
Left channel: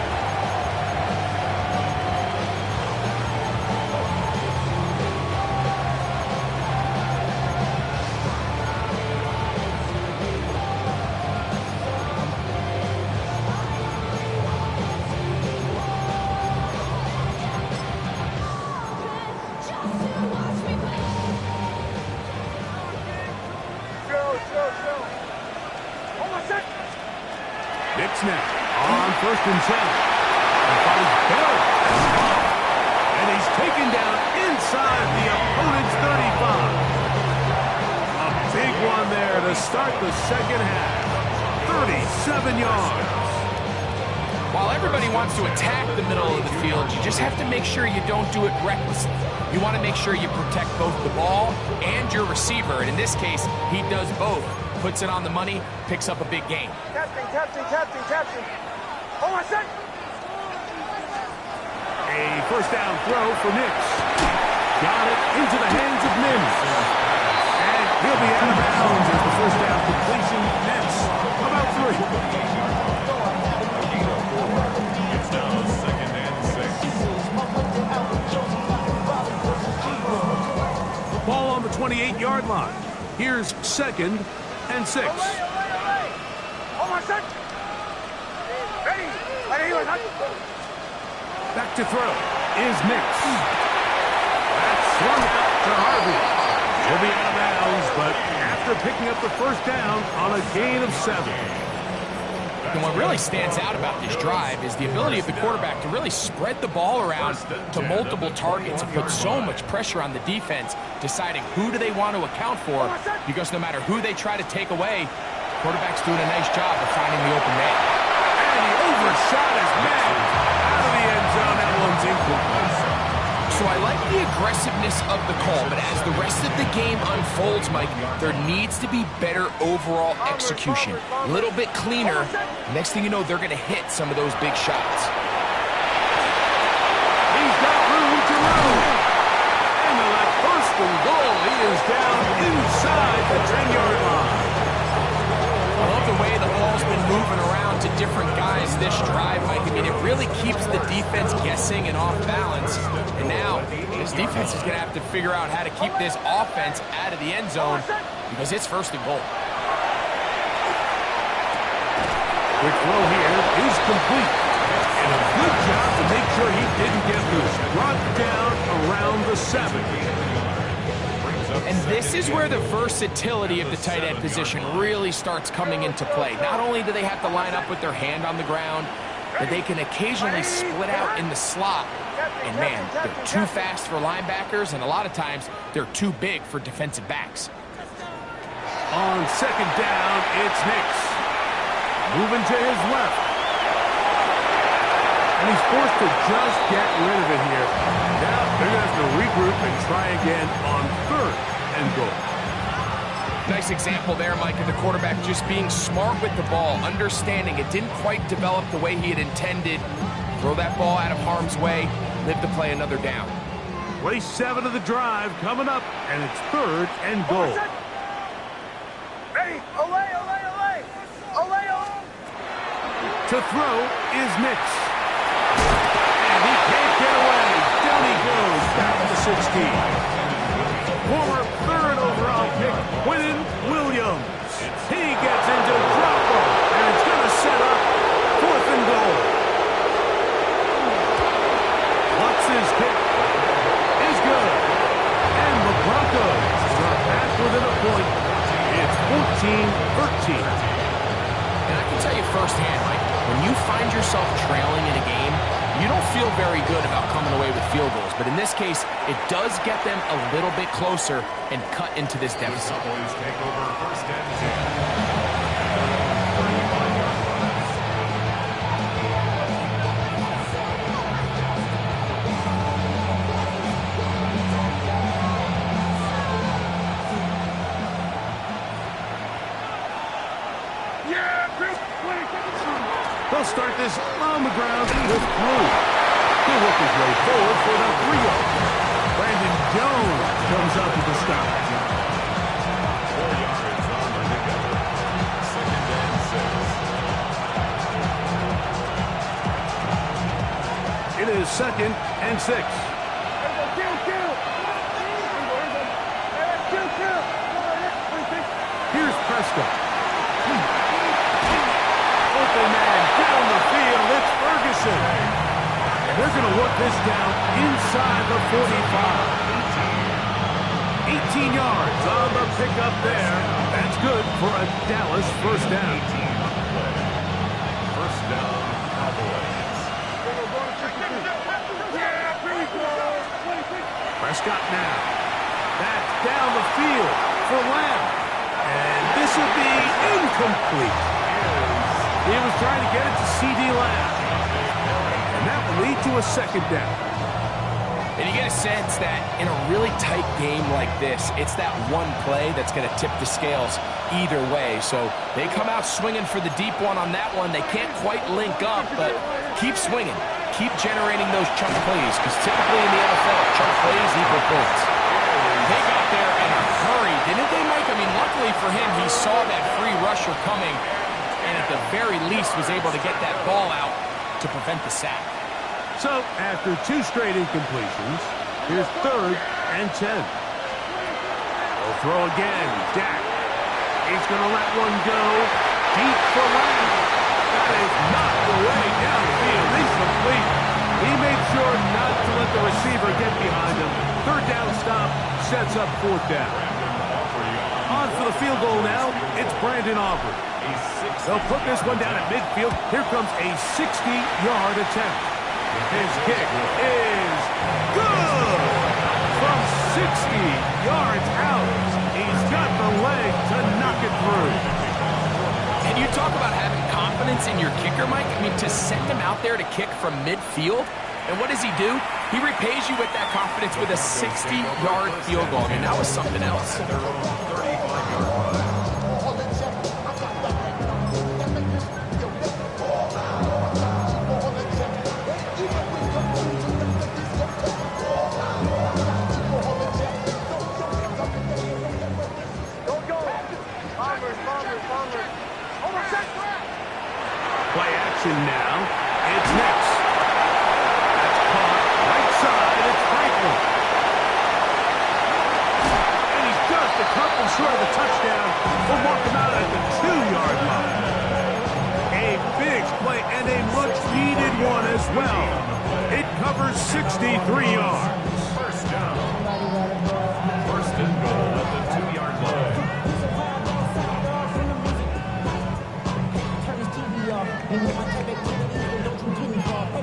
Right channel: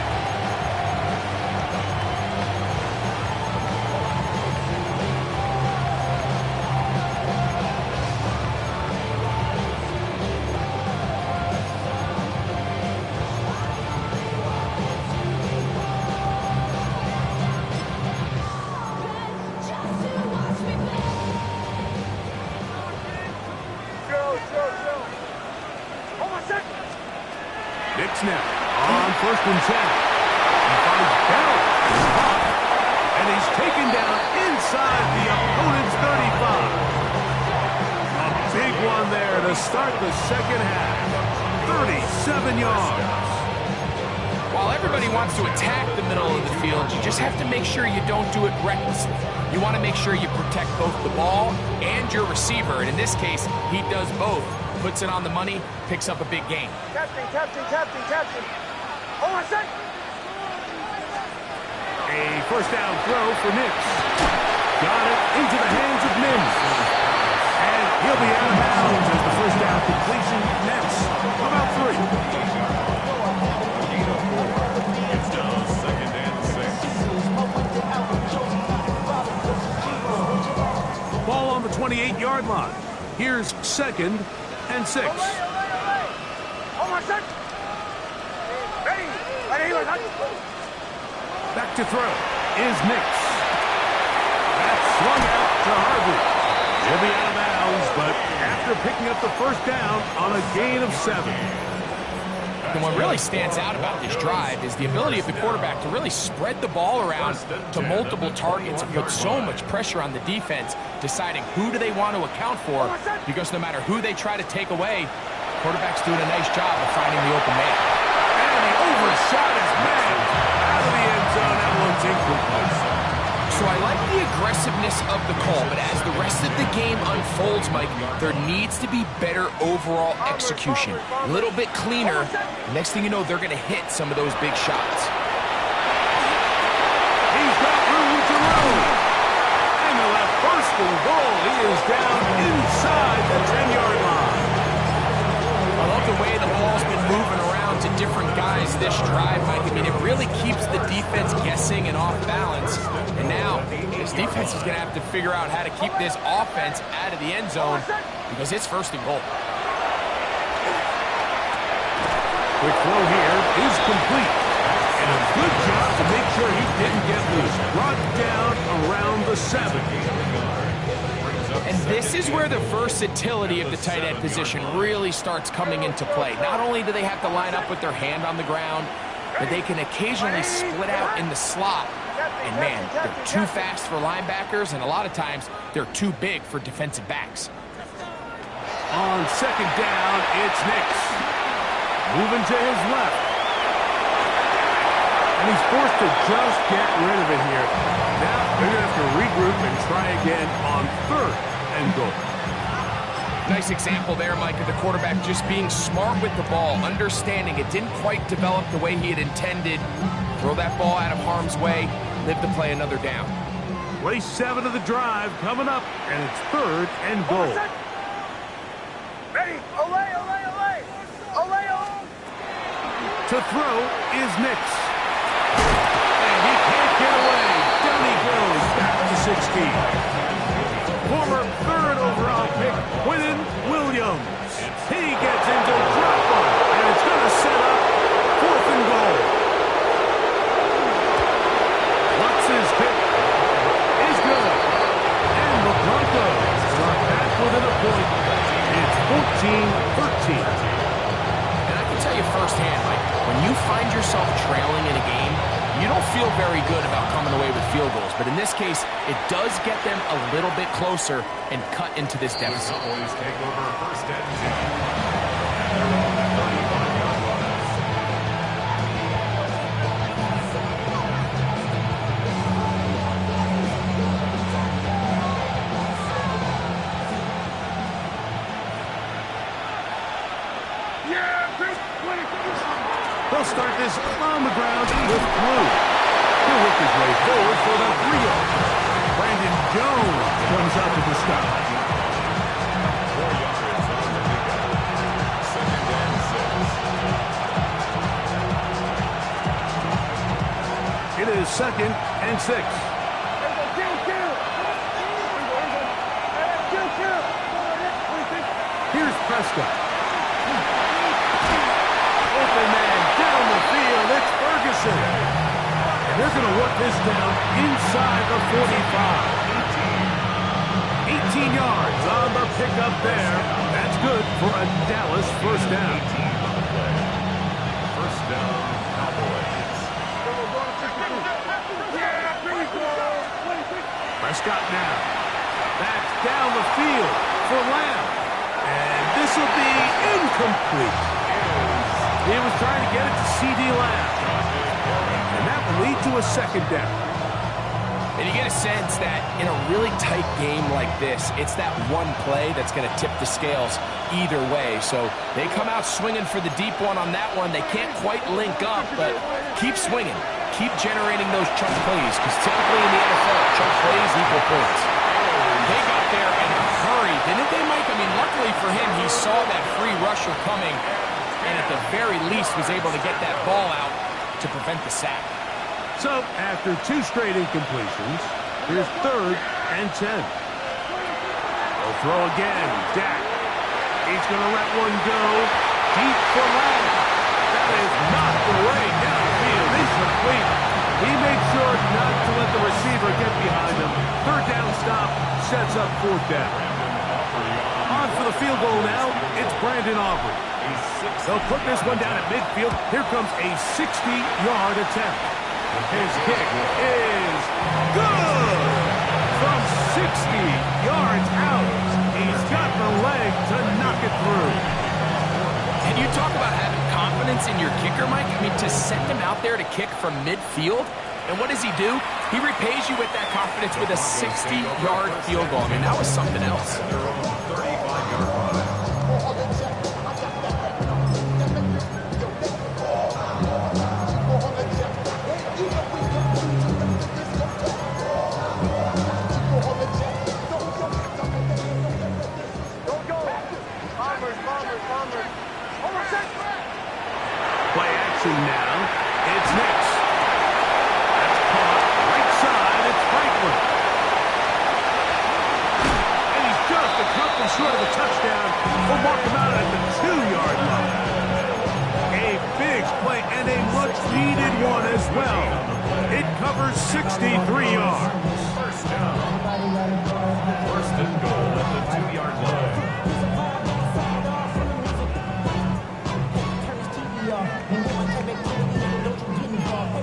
Nix now on 1st and 10. He finds Bell and he's taken down inside the opponent's 35. A big one there to start the second half. 37 yards. While everybody wants to attack the middle of the field, you just have to make sure you don't do it recklessly. You want to make sure you protect both the ball and your receiver, and in this case, he does both. Puts it on the money, picks up a big gain. Captain. Hold on a sec. A first down throw for Nix. Got it into the hands of Mims. And he'll be out of bounds as the first down completion nets about 3. It's now 2nd and 6. Ball on the 28-yard line. Here's 2nd and 6. Hold on a sec. Ready. Back to throw is Nix. That's swung out to Harvey. He'll be out of bounds, but after picking up the first down on a gain of 7. And what really stands out about this drive is the ability of the quarterback to really spread the ball around to multiple targets and put so much pressure on the defense, deciding who do they want to account for, because no matter who they try to take away, the quarterback's doing a nice job of finding the open man. And he overshot his man out of the end zone. That one's incomplete. So I like the aggressiveness of the call, but as the rest of the game unfolds, Mike, there needs to be better overall execution. A little bit cleaner. Next thing you know, they're going to hit some of those big shots. He's got room to roam. And they'll have 1st and goal. He is down inside the 10-yard line. I love the way the ball's been moving around to different guys this drive, Mike. I mean, it really keeps the defense guessing and off balance. And now, this defense is going to have to figure out how to keep this offense out of the end zone because it's 1st and goal. Quick throw here is complete. And a good job to make sure he didn't get loose. Brought down around the 7. And this is where the versatility of the tight end position really starts coming into play. Not only do they have to line up with their hand on the ground, but they can occasionally split out in the slot. And man, they're too fast for linebackers, and a lot of times they're too big for defensive backs. On 2nd down, it's Nix. Moving to his left. And he's forced to just get rid of it here. Now they're going to have to regroup and try again on 3rd and goal. Nice example there, Mike, of the quarterback just being smart with the ball, understanding it didn't quite develop the way he had intended. Throw that ball out of harm's way, live to play another down. Play 7 of the drive coming up, and it's 3rd and goal. Olay, olay, olay. Olay, olay. To throw is Nix. And he can't get away. Down he goes, back to the 16. Former third overall pick, Quinnen Williams. He gets into dropper, and it's going to set up 4th and goal. Lutz's kick is good. And the Broncos are back within a point. It's 14-13. And I can tell you firsthand, Mike, when you find yourself trailing in a game, you don't feel very good about coming away with field goals. But in this case, it does get them a little bit closer and cut into this deficit. The Cowboys take over 1st and 10 at their own 35-yard line. They'll start this on the ground with Blue. He'll work his way forward for the 3-0. Brandon Jones comes up with the stop. 4 yards on the pickup. 2nd and 6. It is 2nd and 6. Here's Prescott. Open man down the field. It's Ferguson. And they're going to work this down inside the 45. 18 yards on the pickup there. That's good for a Dallas 1st down. 18 on the play. 1st down, Cowboys. Prescott now. That's down the field for Lamb. And this will be incomplete. He was trying to get it to C.D. Lamb. And that will lead to a 2nd down. And you get a sense that in a really tight game like this, it's that one play that's going to tip the scales either way. So they come out swinging for the deep one on that one. They can't quite link up, but keep swinging. Keep generating those chunk plays, because typically in the NFL, chunk plays equal points. They got there in a hurry, didn't they, Mike? I mean, luckily for him, he saw that free rusher coming, and at the very least was able to get that ball out to prevent the sack. So, after 2 straight incompletions, here's 3rd and 10. They'll throw again. Dak. He's going to let one go deep for Lamb. That is knocked away downfield. Incomplete. He made sure not to let the receiver get behind him. 3rd down stop sets up 4th down. On for the field goal now. It's Brandon Aubrey. They'll put this one down at midfield. Here comes a 60-yard attempt. His kick is good. From 60 yards out, he's got the leg to knock it through. And you talk about having confidence in your kicker, Mike. I mean, to send him out there to kick from midfield, and what does he do? He repays you with that confidence with a 60-yard field goal. I mean, that was something else. Their own 35-yard line. Play action now. It's Nix. That's caught right side. It's Franklin. And he's just a couple short of a touchdown. We'll mark him out at the 2-yard line. A big play and a much-needed one as well. It covers 63 yards. 1st down. 1st and goal at the 2-yard line.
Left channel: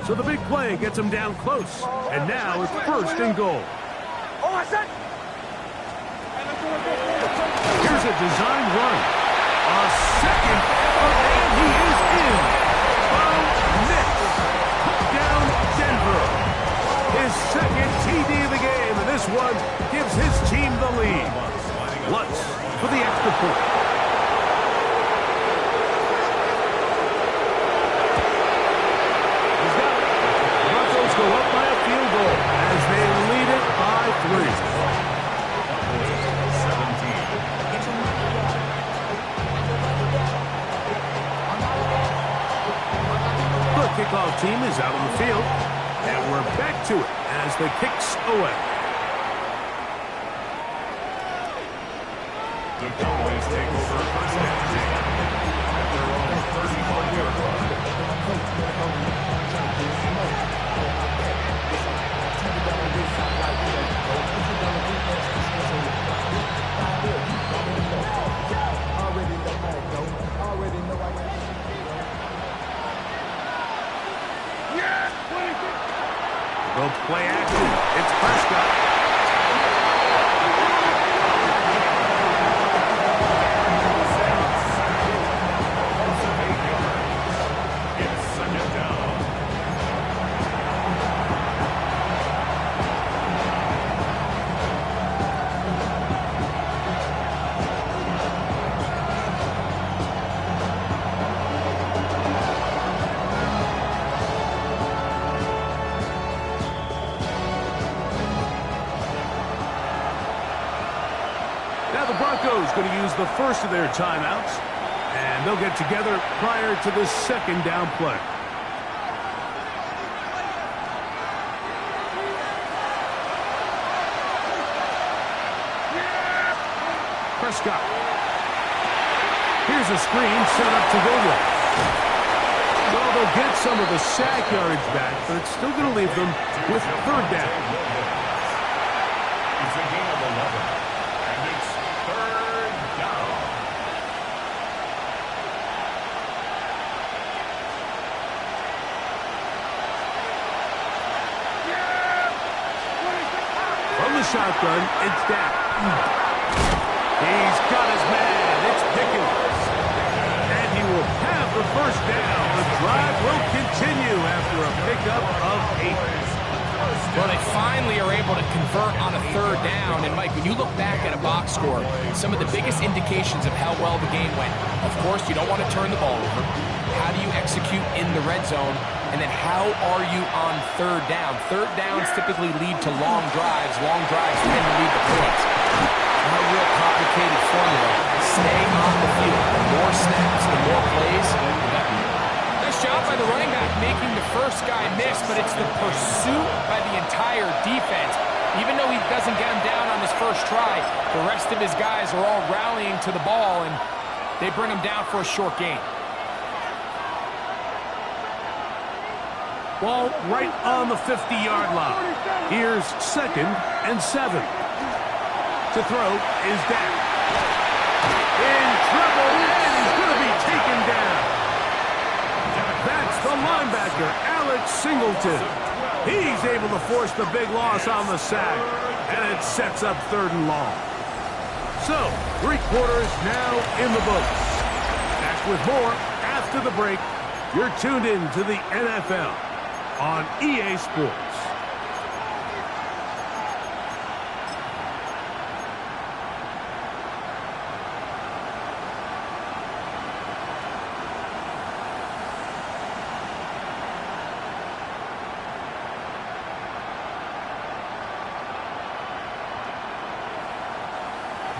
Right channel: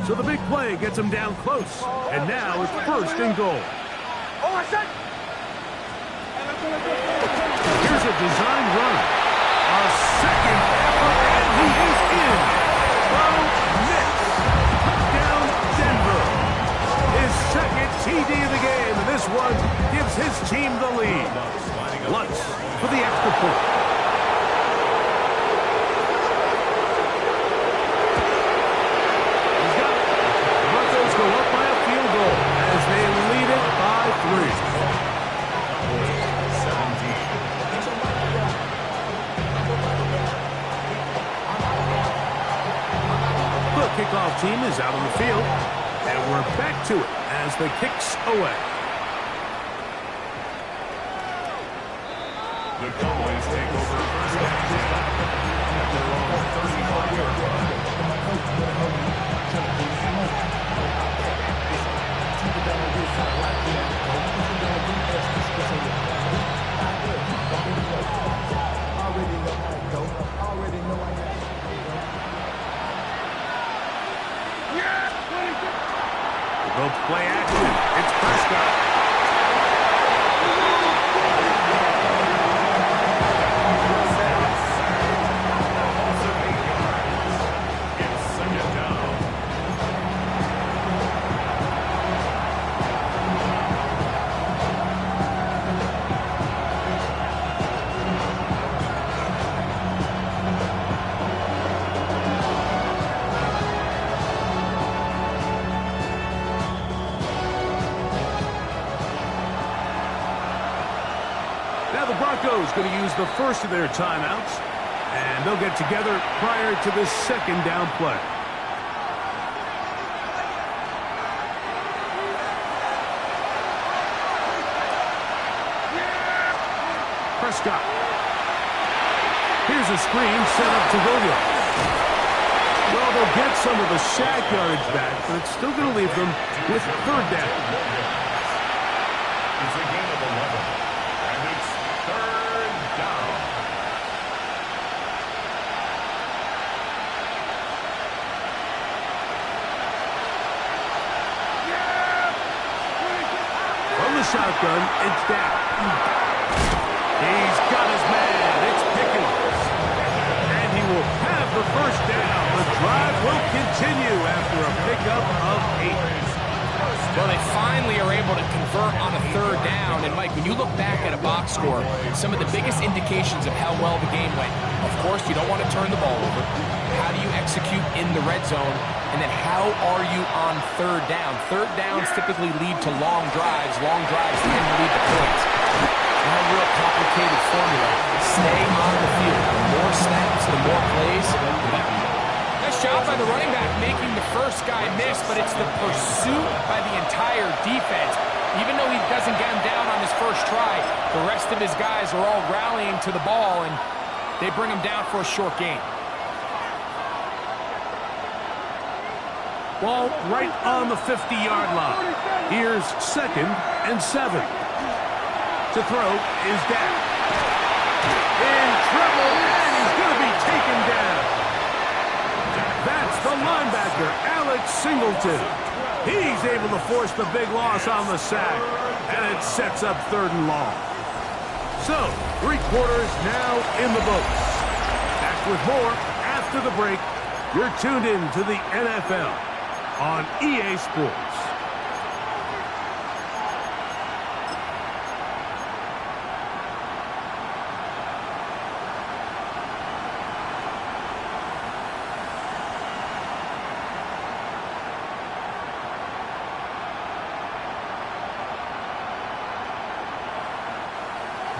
So the big play gets him down close. And now it's 1st and goal. Here's a design run. A 2nd effort, and he is in. Bo Nix. Touchdown, Denver. His 2nd TD of the game, and this one gives his team the lead. Lutz for the extra point. Go up by a field goal as they lead it by 3. kickoff team is out on the field. And we're back to it as the kick's away. The Cowboys take over first and 10 at their own 35-yard line. We'll go play action. It's Prescott. Now the Broncos going to use the first of their timeouts, and they'll get together prior to the second down play. Prescott. Here's a screen set up to Williams. Well, they'll get some of the sack yardage back, but it's still going to leave them with third down. It's a gain of 11, and it's third down. From the shotgun, it's Dak. He's got his man. It's Pickens. And he will have the first down. The drive will continue after a pickup of 8. Well, they finally are able to convert on a third down. And, Mike, when you look back at a box score, some of the biggest indications of how well the game went, of course, you don't want to turn the ball over. How do you execute in the red zone? And then how are you on third down? Third downs typically lead to long drives. Long drives tend to lead to points. Not a real complicated formula. Stay on the field. The more snaps, the more plays, the better. Nice job by the running back making the first guy miss, but it's the pursuit by the entire defense. Even though he doesn't get him down on his first try, the rest of his guys are all rallying to the ball, and they bring him down for a short gain. Ball right on the 50-yard line. Here's 2nd and 7. To throw is Dak. In trouble, and he's going to be taken down. That's the linebacker, Alex Singleton. He's able to force the big loss on the sack, and it sets up 3rd and long. So, 3 quarters now in the books. Back with more after the break. You're tuned in to the NFL on EA Sports.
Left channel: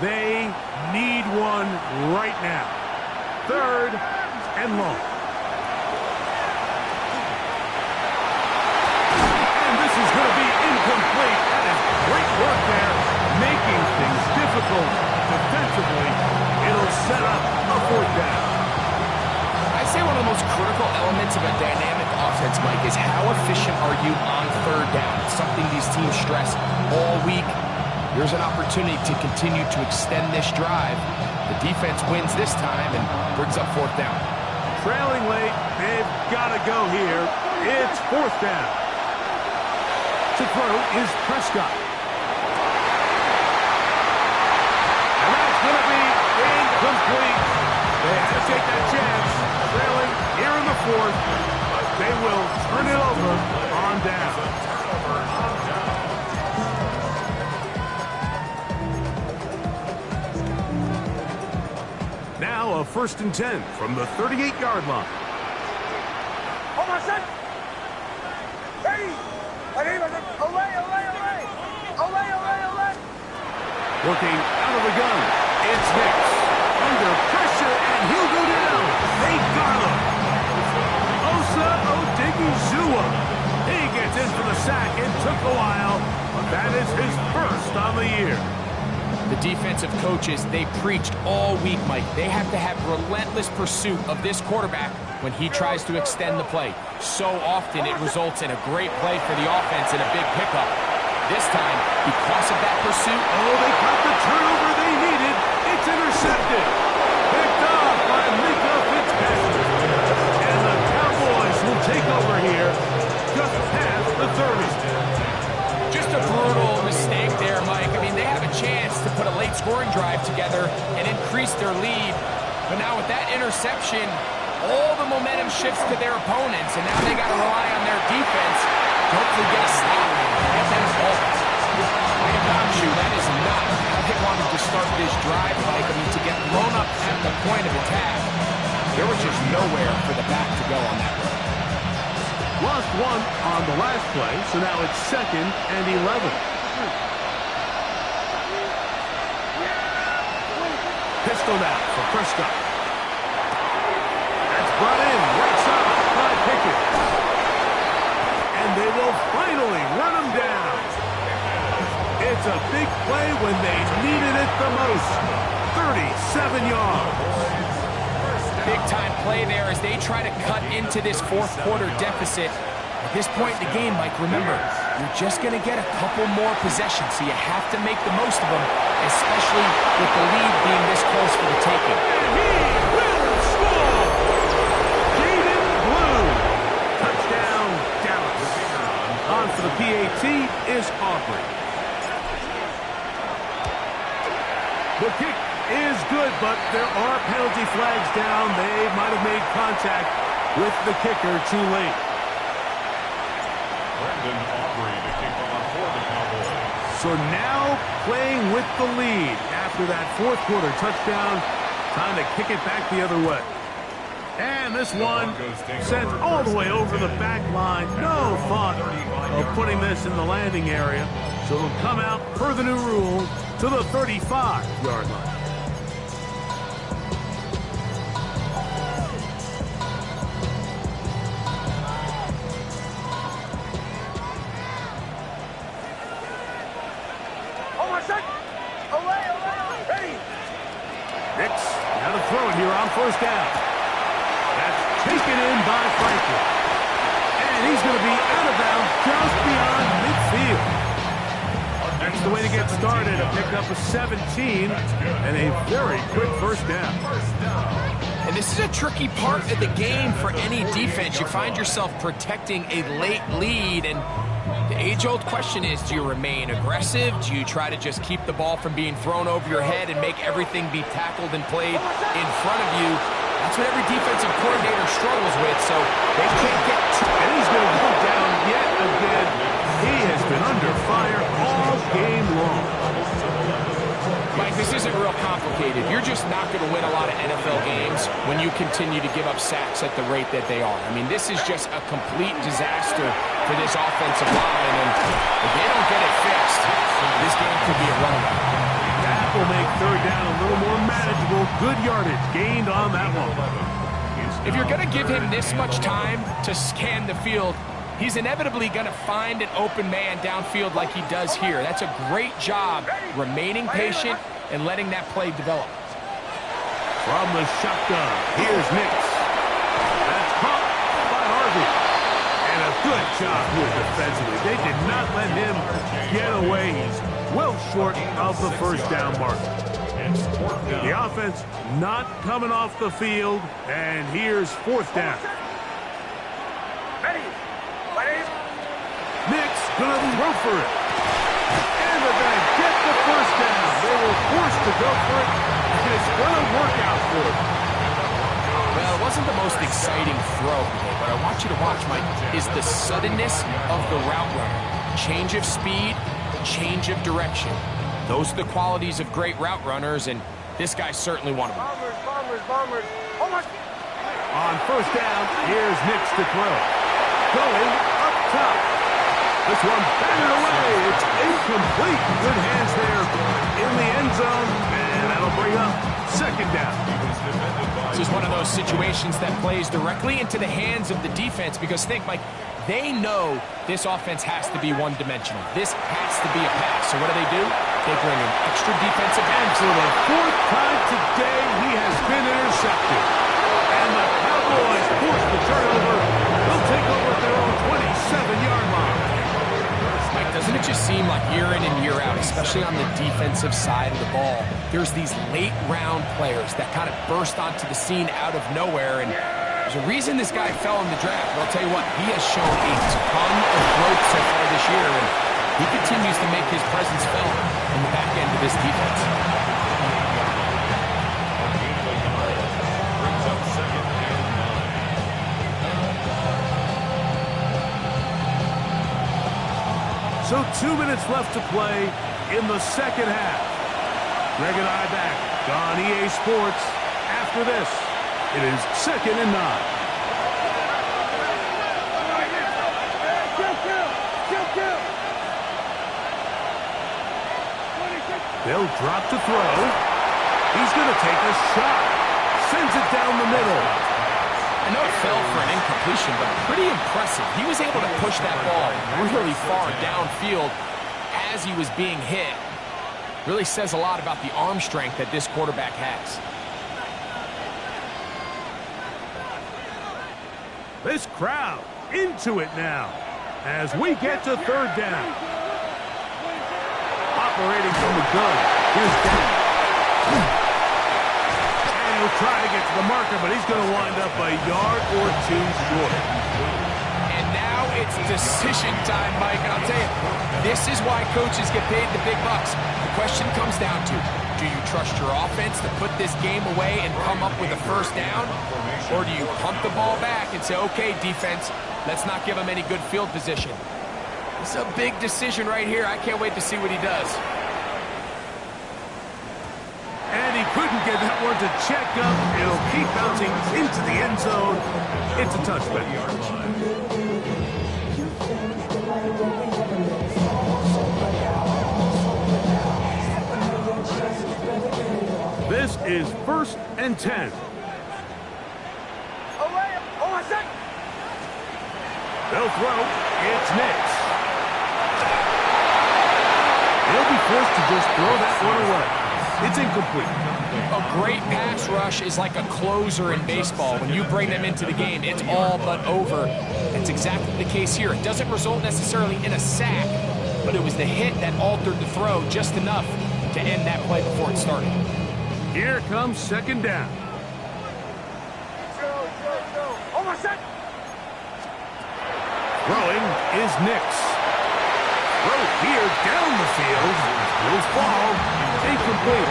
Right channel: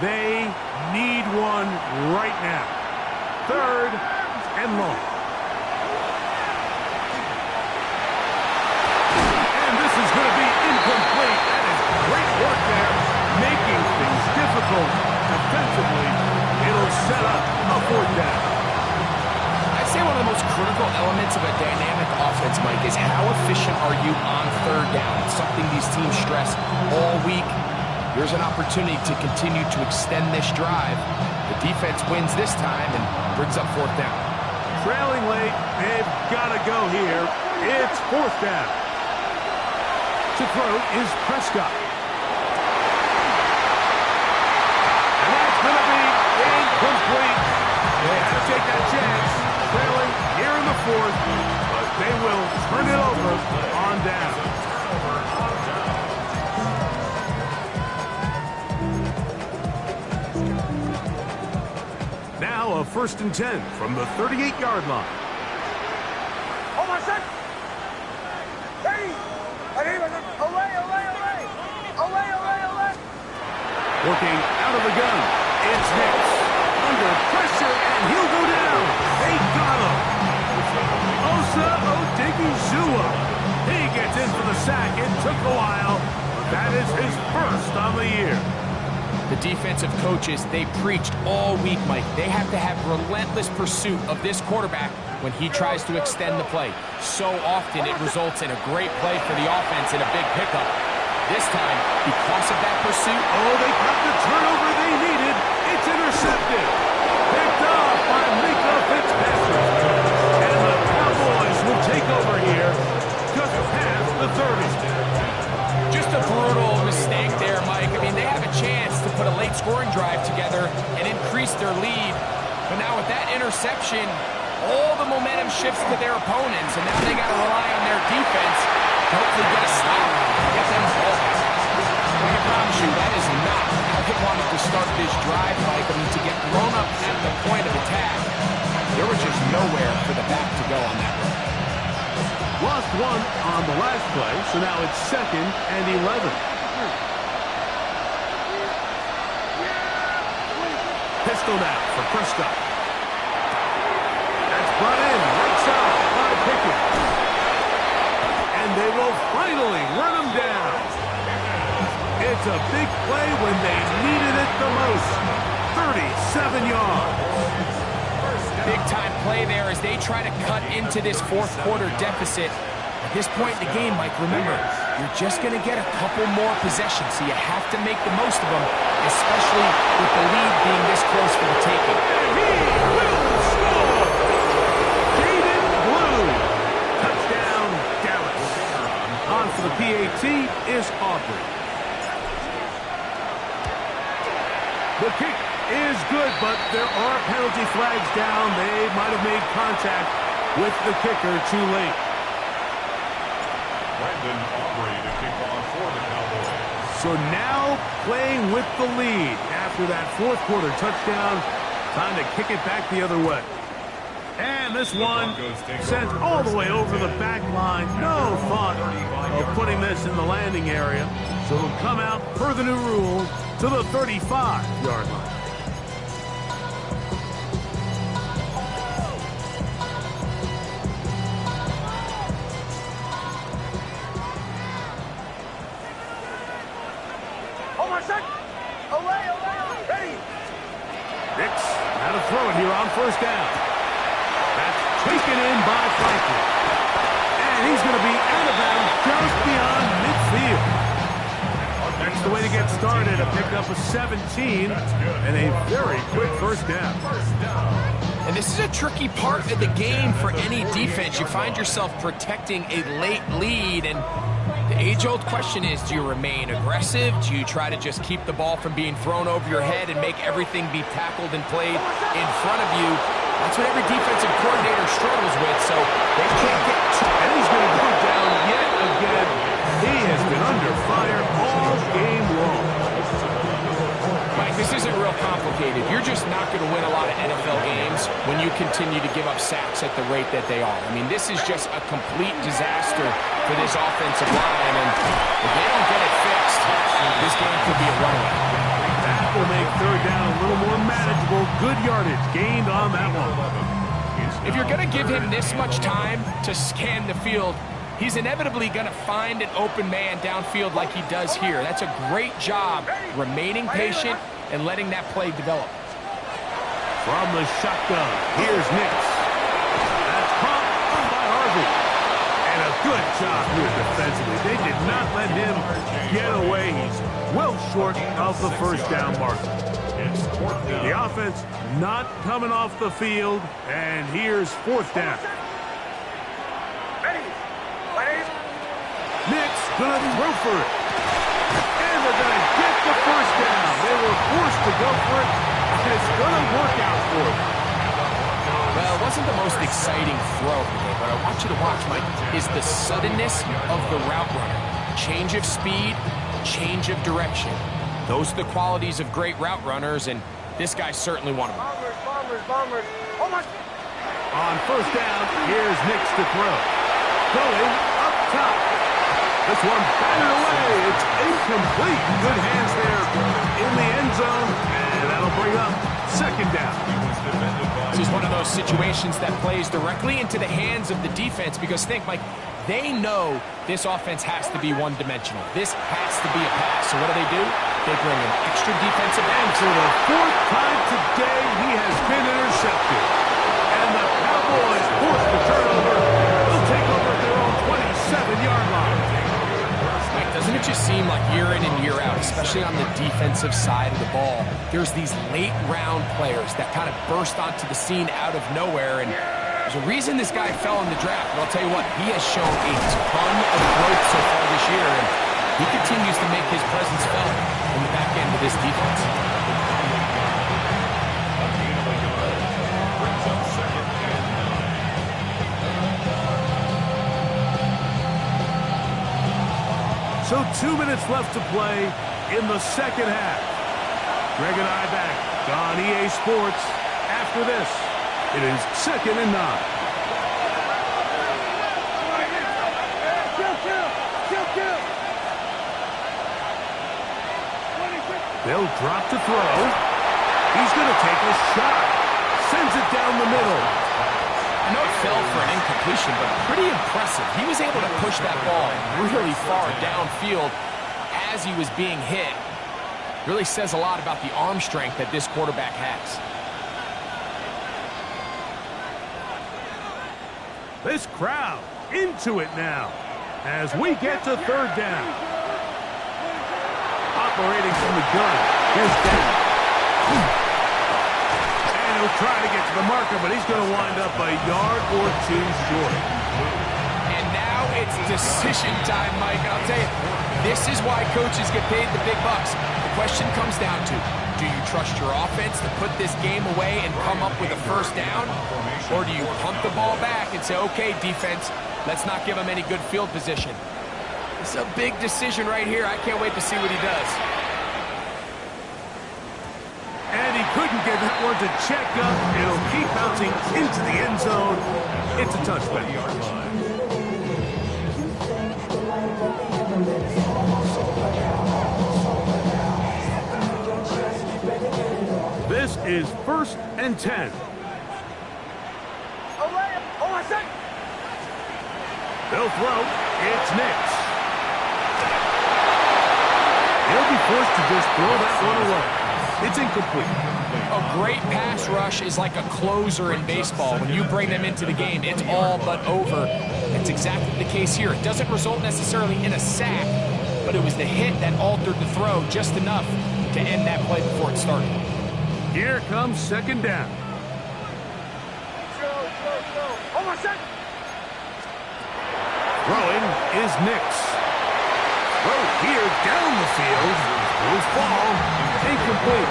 They need one right now. 3rd and long. And this is going to be incomplete. That is great work there, making things difficult defensively. It'll set up a 4th down. I'd say one of the most critical elements of a dynamic offense, Mike, is how efficient are you on 3rd down? It's something these teams stress all week. Here's an opportunity to continue to extend this drive. The defense wins this time and brings up 4th down. Trailing late, they've got to go here. It's 4th down. To throw is Prescott. And that's going to be incomplete. They had to take that chance. Trailing here in the 4th, but they will turn it over on down. Now a 1st and 10 from the 38-yard line. Oh, my son! Hey! Olay! Working out of the gun, it's Hicks. Under pressure, and he'll go down. They got him. Osa Odigizua. He gets in for the sack. It took a while, but that is his first on the year. The defensive coaches, they preached all week, Mike. They have to have relentless pursuit of this quarterback when he tries to extend the play. So often it results in a great play for the offense and a big pickup. This time, because of that pursuit... Oh, they got the turnover they needed. It's intercepted. Picked off by Mika Fitzpatrick. And the Cowboys will take over here just past the 30. Just a brutal mistake there, Mike. I mean, they have a chance to put a late scoring drive together and increase their lead. But now with that interception, all the momentum shifts to their opponents, and now they got to rely on their defense to hopefully get a stop and get them involved. I can promise you, that is not how they wanted to start this drive, Mike. I mean, to get blown up at the point of attack, there was just nowhere for the back to go on that road. Lost one on the last play, so now it's 2nd and 11. Pistol now for Prescott. That's brought in right side by Pickett. And they will finally run him down. It's a big play when they needed it the most. 37 yards. Big-time play there as they try to cut into this fourth-quarter deficit. At this point in the game, Mike, remember, you're just going to get a couple more possessions, so you have to make the most of them, especially with the lead being this close for the taking. And he will score! Jaden Blue. Touchdown, Dallas. On for the PAT is Aubrey. The kick is good, but there are penalty flags down. They might have made contact with the kicker too late. Brendan Aubrey to kick off for the Cowboys. So now playing with the lead after that fourth-quarter touchdown. Time to kick it back the other way. And this one sent all the way over the back line. No thought of putting this in the landing area. So it'll come out per the new rule to the 35-yard line. Nix, now to throw it here on first down. That's taken in by Franklin. And he's going to be out of bounds just beyond midfield. That's the way to get started. A pickup of 17 and a very quick first down. And this is a tricky part of the game for any defense. You find yourself protecting a late lead, and the age-old question is, do you remain aggressive? Do you try to just keep the ball from being thrown over your head and make everything be tackled and played in front of you? That's what every defensive coordinator struggles with, so they can't get too... And he's going to go down yet again. He has been under fire all game long. Mike, this isn't real complicated. You're just not going to win a lot of NFL games when you continue to give up sacks at the rate that they are. I mean, this is just a complete disaster for this offensive line, and if they don't get it fixed, this game could be a runaway. That will make third down a little more manageable. Good yardage gained on that one. If you're going to give him this much time to scan the field, he's inevitably going to find an open man downfield like he does here. That's a great job remaining patient and letting that play develop. From the shotgun, here's Nix. That's caught by Harvey. And a good job here defensively. They did not let him get away. He's well short of the first down marker. The offense not coming off the field, and here's fourth down. Nix gonna throw for it. And they're gonna get the first down. They were forced to go for it, and it's gonna work out for them. Well, it wasn't the most exciting throw today, but I want you to watch, Mike, is the suddenness of the route runner. Change of speed, change of direction. Those are the qualities of great route runners, and this guy's certainly one of them. Bombers. Oh my! On first down, here's Nix to throw. Going up top. This one batted away. It's incomplete. Good hands there in the end zone, and that'll bring up second down. This is one of those situations that plays directly into the hands of the defense because think, Mike, they know this offense has to be one-dimensional. This has to be a pass. So what do? They bring in extra defensive And ends. for the fourth time today, he has been intercepted. And the Cowboys force the turnover. They'll take over at their own 27-yard line. Mike, doesn't it just seem like year in and year out, especially on the defensive side of the ball, there's these late-round players that kind of burst onto the scene out of nowhere, and there's a reason this guy fell in the draft, but I'll tell you what, he has shown a ton of growth so far this year, and he continues to make his presence felt in the back end of this defense. Brings up second and 9. So 2 minutes left to play in the second half. Greg and I back on EA Sports after this. It is second and 9. They'll drop to throw. He's going to take a shot. Sends it down the middle. I know it fell for an incompletion, but pretty impressive. He was able to push that ball really far downfield as he was being hit. Really says a lot about the arm strength that this quarterback has. This crowd into it now as we get to third down. Operating from the gun. Here's Dan. And he'll try to get to the marker, but he's going to wind up a yard or two short. And now it's decision time, Mike. And I'll tell you, this is why coaches get paid the big bucks. The question comes down to, do you trust your offense to put this game away and come up with a first down? Or do you pump the ball back and say, okay, defense, let's not give them any good field position? This is a big decision right here. I can't wait to see what he does. And he couldn't get that one to check up. It'll keep bouncing into the end zone. It's a touchback. This is 1st and 10. They'll throw. It's Nix. He'll be forced to just throw that one away. It's incomplete. A great pass rush is like a closer in baseball. When you bring them into the game, it's all but over. That's exactly the case here. It doesn't result necessarily in a sack, but it was the hit that altered the throw just enough to end that play before it started. Here comes second down. Throwing is Nix. Throw here down the field. Will fall. Incomplete.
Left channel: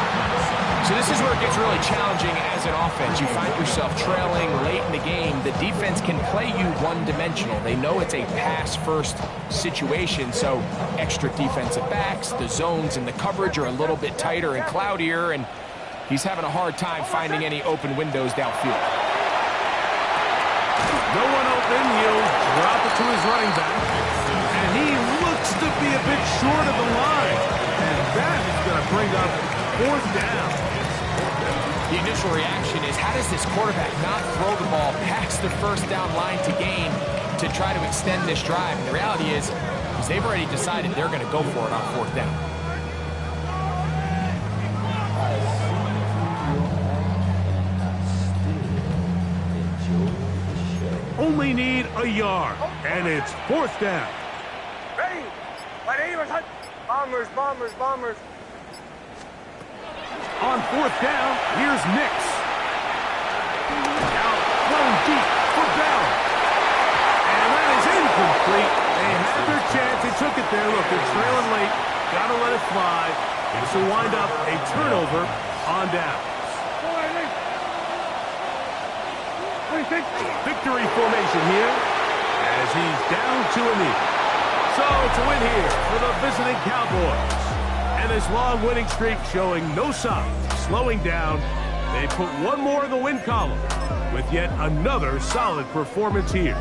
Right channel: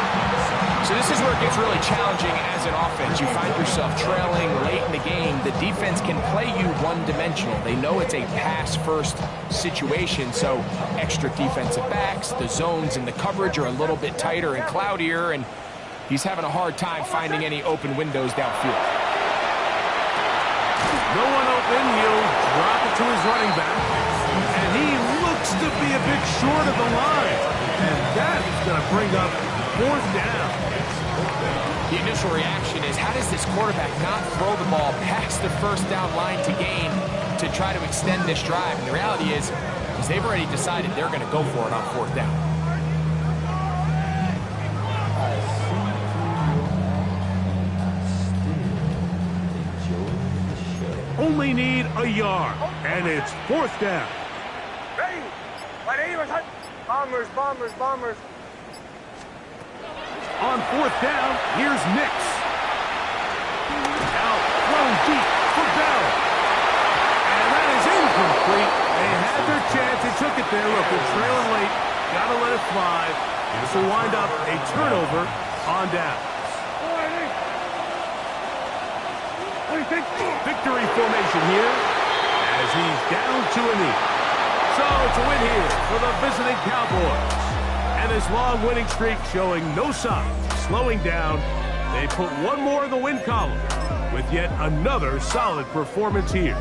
So this is where it gets really challenging as an offense. You find yourself trailing late in the game. The defense can play you one-dimensional. They know it's a pass-first situation, so extra defensive backs, the zones and the coverage are a little bit tighter and cloudier, and he's having a hard time finding any open windows downfield. No one open. He'll drop it to his running back. And he looks to be a bit short of the line. And that is going to bring up fourth down. The initial reaction is, how does this quarterback not throw the ball past the first down line to gain to try to extend this drive? And the reality is they've already decided they're going to go for it on fourth down. Only need a yard, and it's fourth down. Ready? Bombers, bombers, bombers. On fourth down, here's Nix. Now thrown deep for Bell. And that is incomplete. They had their chance. They took it there. Look, they're trailing late. Got to let it fly. This will wind up a turnover on down. Victory formation here as he's down to a knee. So it's a win here for the visiting Cowboys. And this long winning streak showing no signs of slowing down. They put one more in the win column with yet another solid performance here.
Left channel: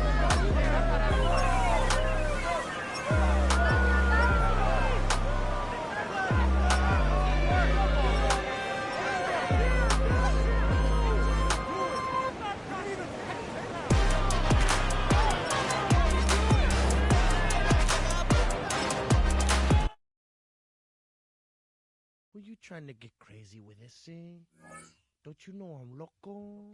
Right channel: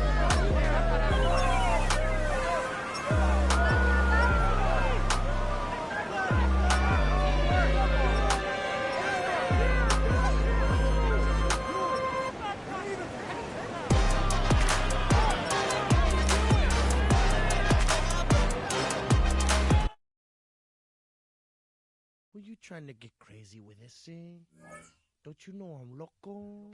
Were you trying to get crazy with this, eh? Don't you know I'm loco?